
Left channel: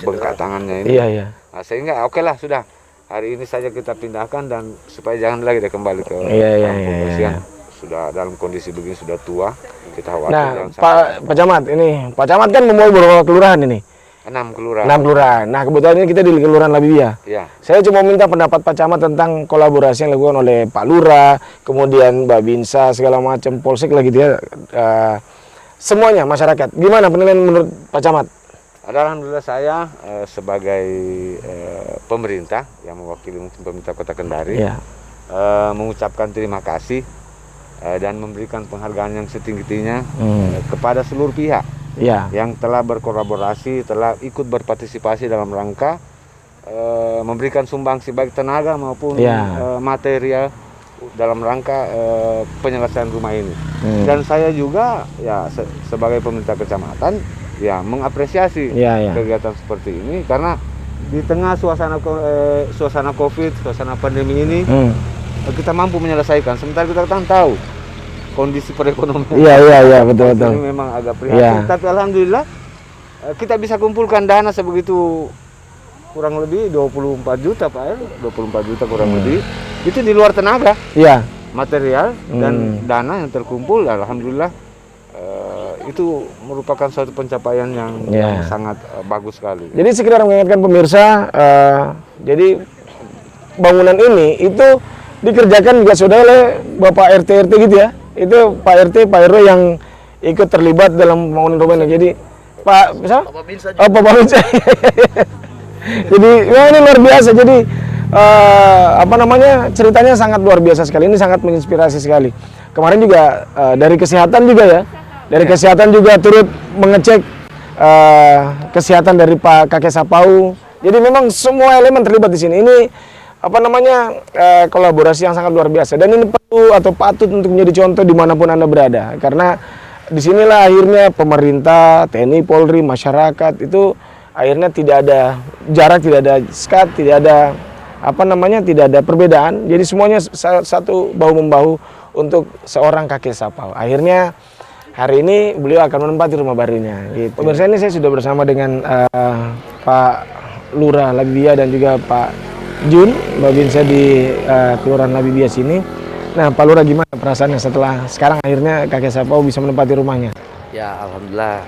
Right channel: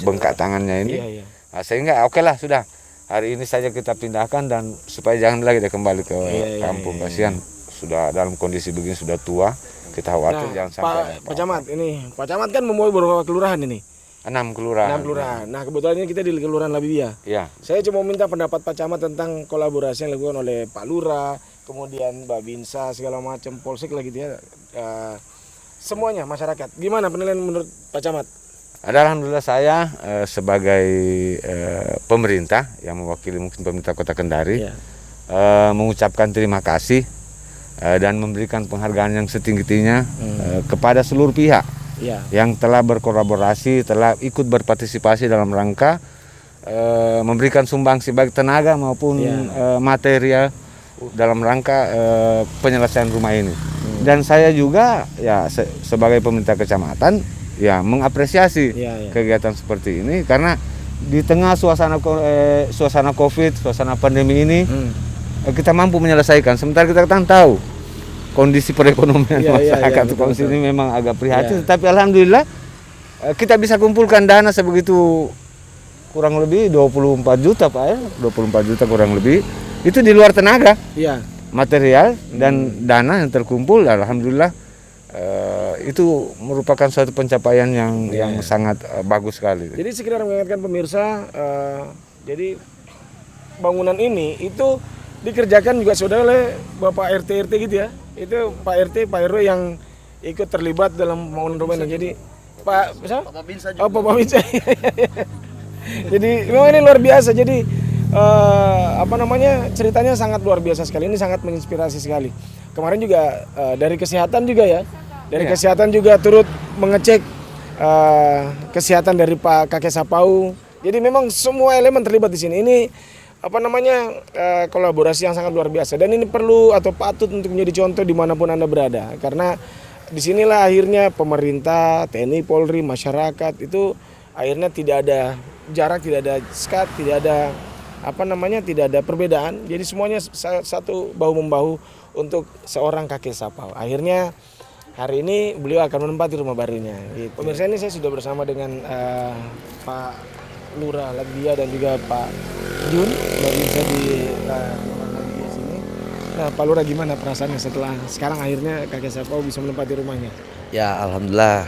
bengkak tangannya ini. Nah, sehingga oke lah sudah hari ini saja kita pindahkan dan supaya jangan lagi dia kembali ke kampung. Kasihan sudah dalam kondisi begini, sudah tua. Kita khawatir. Nah, Pak Camat ini, Pak Camat kan membawa beberapa kelurahan ini. 6 kelurahan. 6 kelurahan. Nah, kebetulan ini kita di Kelurahan Labibia. Iya. Saya cuma minta pendapat Pak Camat tentang kolaborasi yang dilakukan oleh Pak Lurah, kemudian Mbak Binsa, segala macam, Polsek lagi dia, semuanya masyarakat. Gimana penilaian menurut Pak Camat? Alhamdulillah saya sebagai pemerintah yang mewakili mungkin pemerintah Kota Kendari mengucapkan terima kasih dan memberikan penghargaan yang setinggi-tingginya kepada seluruh pihak yang telah berkolaborasi, telah ikut berpartisipasi dalam rangka memberikan sumbangsi baik tenaga maupun material dalam rangka penyelesaian rumah ini. Dan saya juga ya sebagai pemerintah kecamatan ya mengapresiasi kegiatan seperti ini karena di tengah suasana Covid, suasana pandemi ini kita mampu menyelesaikan. Sementara kita kan tahu kondisi perekonomian betul. Ini memang agak prihatin, tapi alhamdulillah kita bisa kumpulkan dana sebegitu kurang lebih 24 juta Pak ya, 24 juta kurang lebih. Itu di luar tenaga, material dan dana yang terkumpul, alhamdulillah itu merupakan suatu pencapaian yang sangat bagus sekali. Jadi sekedar mengingatkan pemirsa, jadi bangunan ini itu dikerjakan juga sudah oleh Bapak RT gitu ya. Itu Pak RT, Pak RW yang ikut terlibat dalam pembangunan rumah ini. Jadi Pak Binsa. Pak Binsa. Jadi memang ini luar biasa. Jadi ceritanya sangat luar biasa sekali. Ini sangat menginspirasi sekali. Kemarin juga dari kesehatan juga ya. Dari kesehatan juga turut mengecek kesehatan dari Pak Kakek Sapau. Jadi memang semua elemen terlibat di sini. Ini kolaborasi yang sangat luar biasa. Dan ini perlu atau patut untuk menjadi contoh dimanapun Anda berada. Karena disinilah akhirnya pemerintah, TNI, Polri, masyarakat itu akhirnya tidak ada jarak, tidak ada sekat, tidak ada tidak ada perbedaan. Jadi semuanya satu bahu-membahu untuk seorang Kakek Sapau. Akhirnya hari ini beliau akan menempati rumah barunya. Pemirsa, ini saya sudah bersama dengan Pak Lurah Labibia dan juga Pak Jun, Mbak Binsa di Kelurahan Labibia sini. Nah, Pak Lurah, gimana perasaannya setelah sekarang akhirnya Kakek Sapau bisa menempati rumahnya? Ya, alhamdulillah.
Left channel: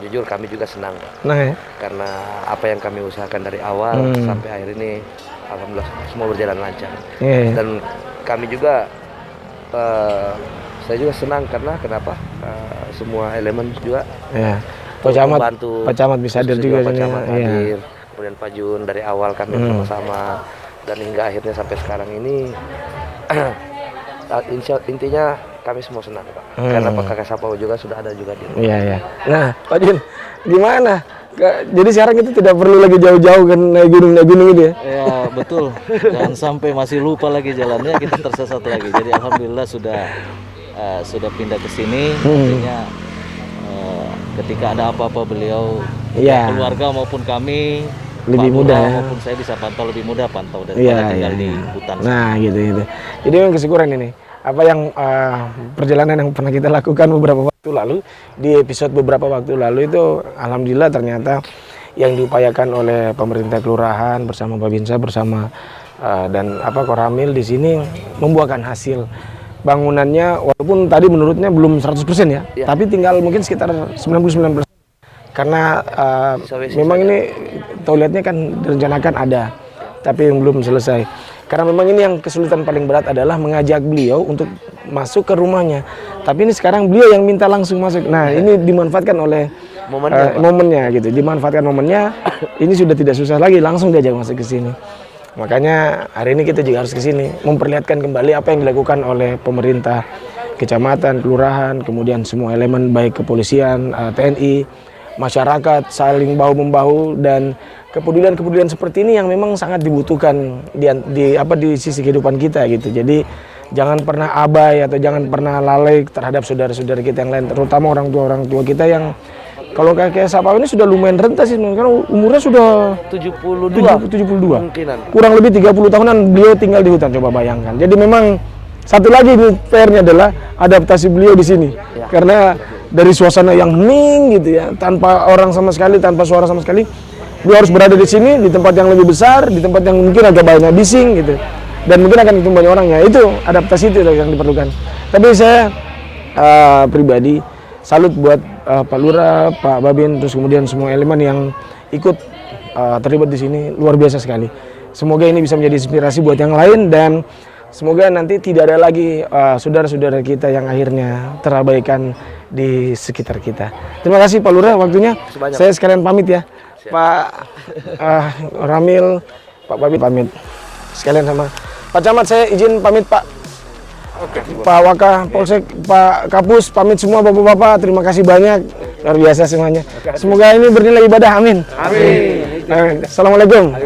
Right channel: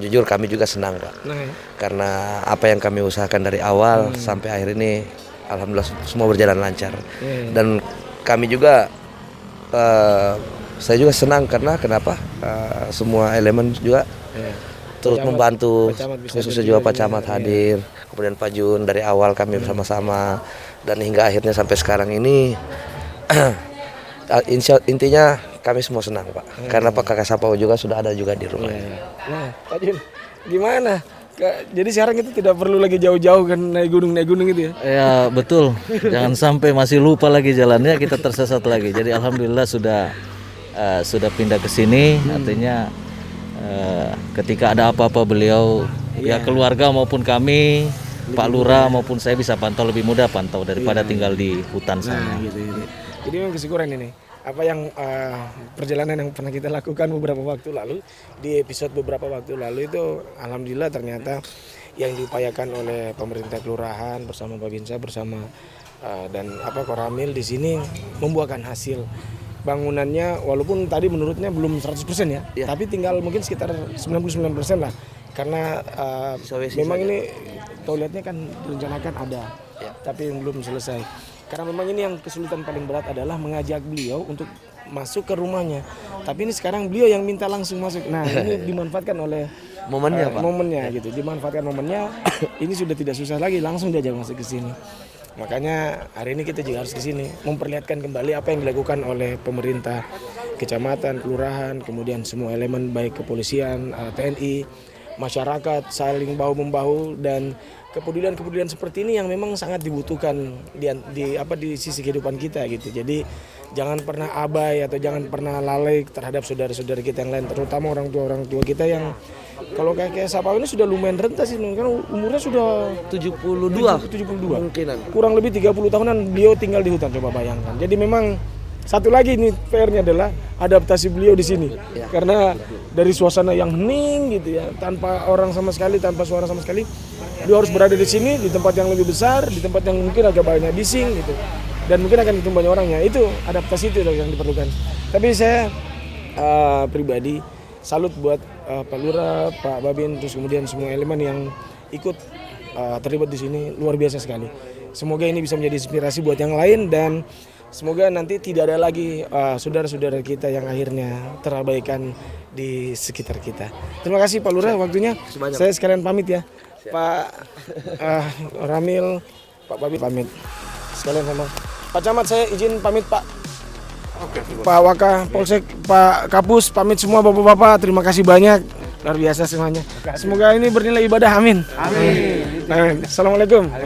Jujur kami juga senang, Pak. Karena apa yang kami usahakan dari awal sampai akhir ini, alhamdulillah semua berjalan lancar. Dan kami juga, saya juga senang karena kenapa? Semua elemen juga membantu. Pak Camat bisa hadir juga. Pak Camat hadir. Kemudian Pak Jun dari awal kami sama-sama dan hingga akhirnya sampai sekarang ini intinya kami semua senang, Pak. Karena Pak Kakek Sapau juga sudah ada juga di rumah. Nah, Pak Jun, gimana? Jadi sekarang itu tidak perlu lagi jauh-jauh kan naik gunung gitu ya? Ya betul. Jangan sampai masih lupa lagi jalannya, kita tersesat lagi. Jadi alhamdulillah sudah pindah ke sini. Artinya ketika ada apa-apa beliau, keluarga maupun kami, lebih Pak Lurah maupun saya bisa pantau lebih mudah daripada tinggal di hutan. Nah, gitu. Jadi memang kesyukuran ini. apa yang perjalanan yang pernah kita lakukan beberapa waktu lalu, di episode beberapa waktu lalu itu alhamdulillah ternyata yang diupayakan oleh pemerintah kelurahan bersama Babinsa bersama dan Koramil di sini membuahkan hasil. Bangunannya walaupun tadi menurutnya belum 100% ya, tapi tinggal mungkin sekitar 99% lah. Karena memang ini toiletnya kan direncanakan ada, tapi yang belum selesai. Karena memang ini yang kesulitan paling berat adalah mengajak beliau untuk masuk ke rumahnya. Tapi ini sekarang beliau yang minta langsung masuk. Nah, ini dimanfaatkan oleh momennya gitu. Dimanfaatkan momennya. Ini sudah tidak susah lagi, langsung diajak masuk ke sini. Makanya hari ini kita juga harus ke sini memperlihatkan kembali apa yang dilakukan oleh pemerintah, kecamatan, kelurahan, kemudian semua elemen baik kepolisian, TNI, masyarakat saling bahu-membahu dan kepedulian seperti ini yang memang sangat dibutuhkan di sisi kehidupan kita gitu. Jadi jangan pernah abai atau jangan pernah lalai terhadap saudara-saudara kita yang lain, terutama orang tua kita yang kalau kakek Sapau ini sudah lumayan renta sih, karena umurnya sudah 72. Kemungkinan. Kurang lebih 30 tahunan beliau tinggal di hutan, coba bayangkan. Jadi memang satu lagi nih PR-nya adalah adaptasi beliau di sini. Karena dari suasana yang hening gitu ya, tanpa orang sama sekali, tanpa suara sama sekali, beliau harus berada di sini di tempat yang lebih besar, di tempat yang mungkin agak banyak bising gitu. Dan mungkin akan ketemu banyak orangnya. Itu adaptasi itu yang diperlukan. Tapi saya pribadi salut buat Pak Lurah, Pak Babin, terus kemudian semua elemen yang ikut terlibat di sini, luar biasa sekali. Semoga ini bisa menjadi inspirasi buat yang lain dan semoga nanti tidak ada lagi saudara-saudara kita yang akhirnya terabaikan di sekitar kita. Terima kasih Pak Lurah waktunya. Saya sekalian pamit ya. Pak Ramil, Pak Babin pamit. Sekalian sama Pak Camat saya izin pamit Pak. Pak Waka Polsek, Pak Kapus, pamit semua bapak-bapak. Terima kasih banyak, luar biasa semuanya. Semoga ini bernilai ibadah, amin. Assalamualaikum.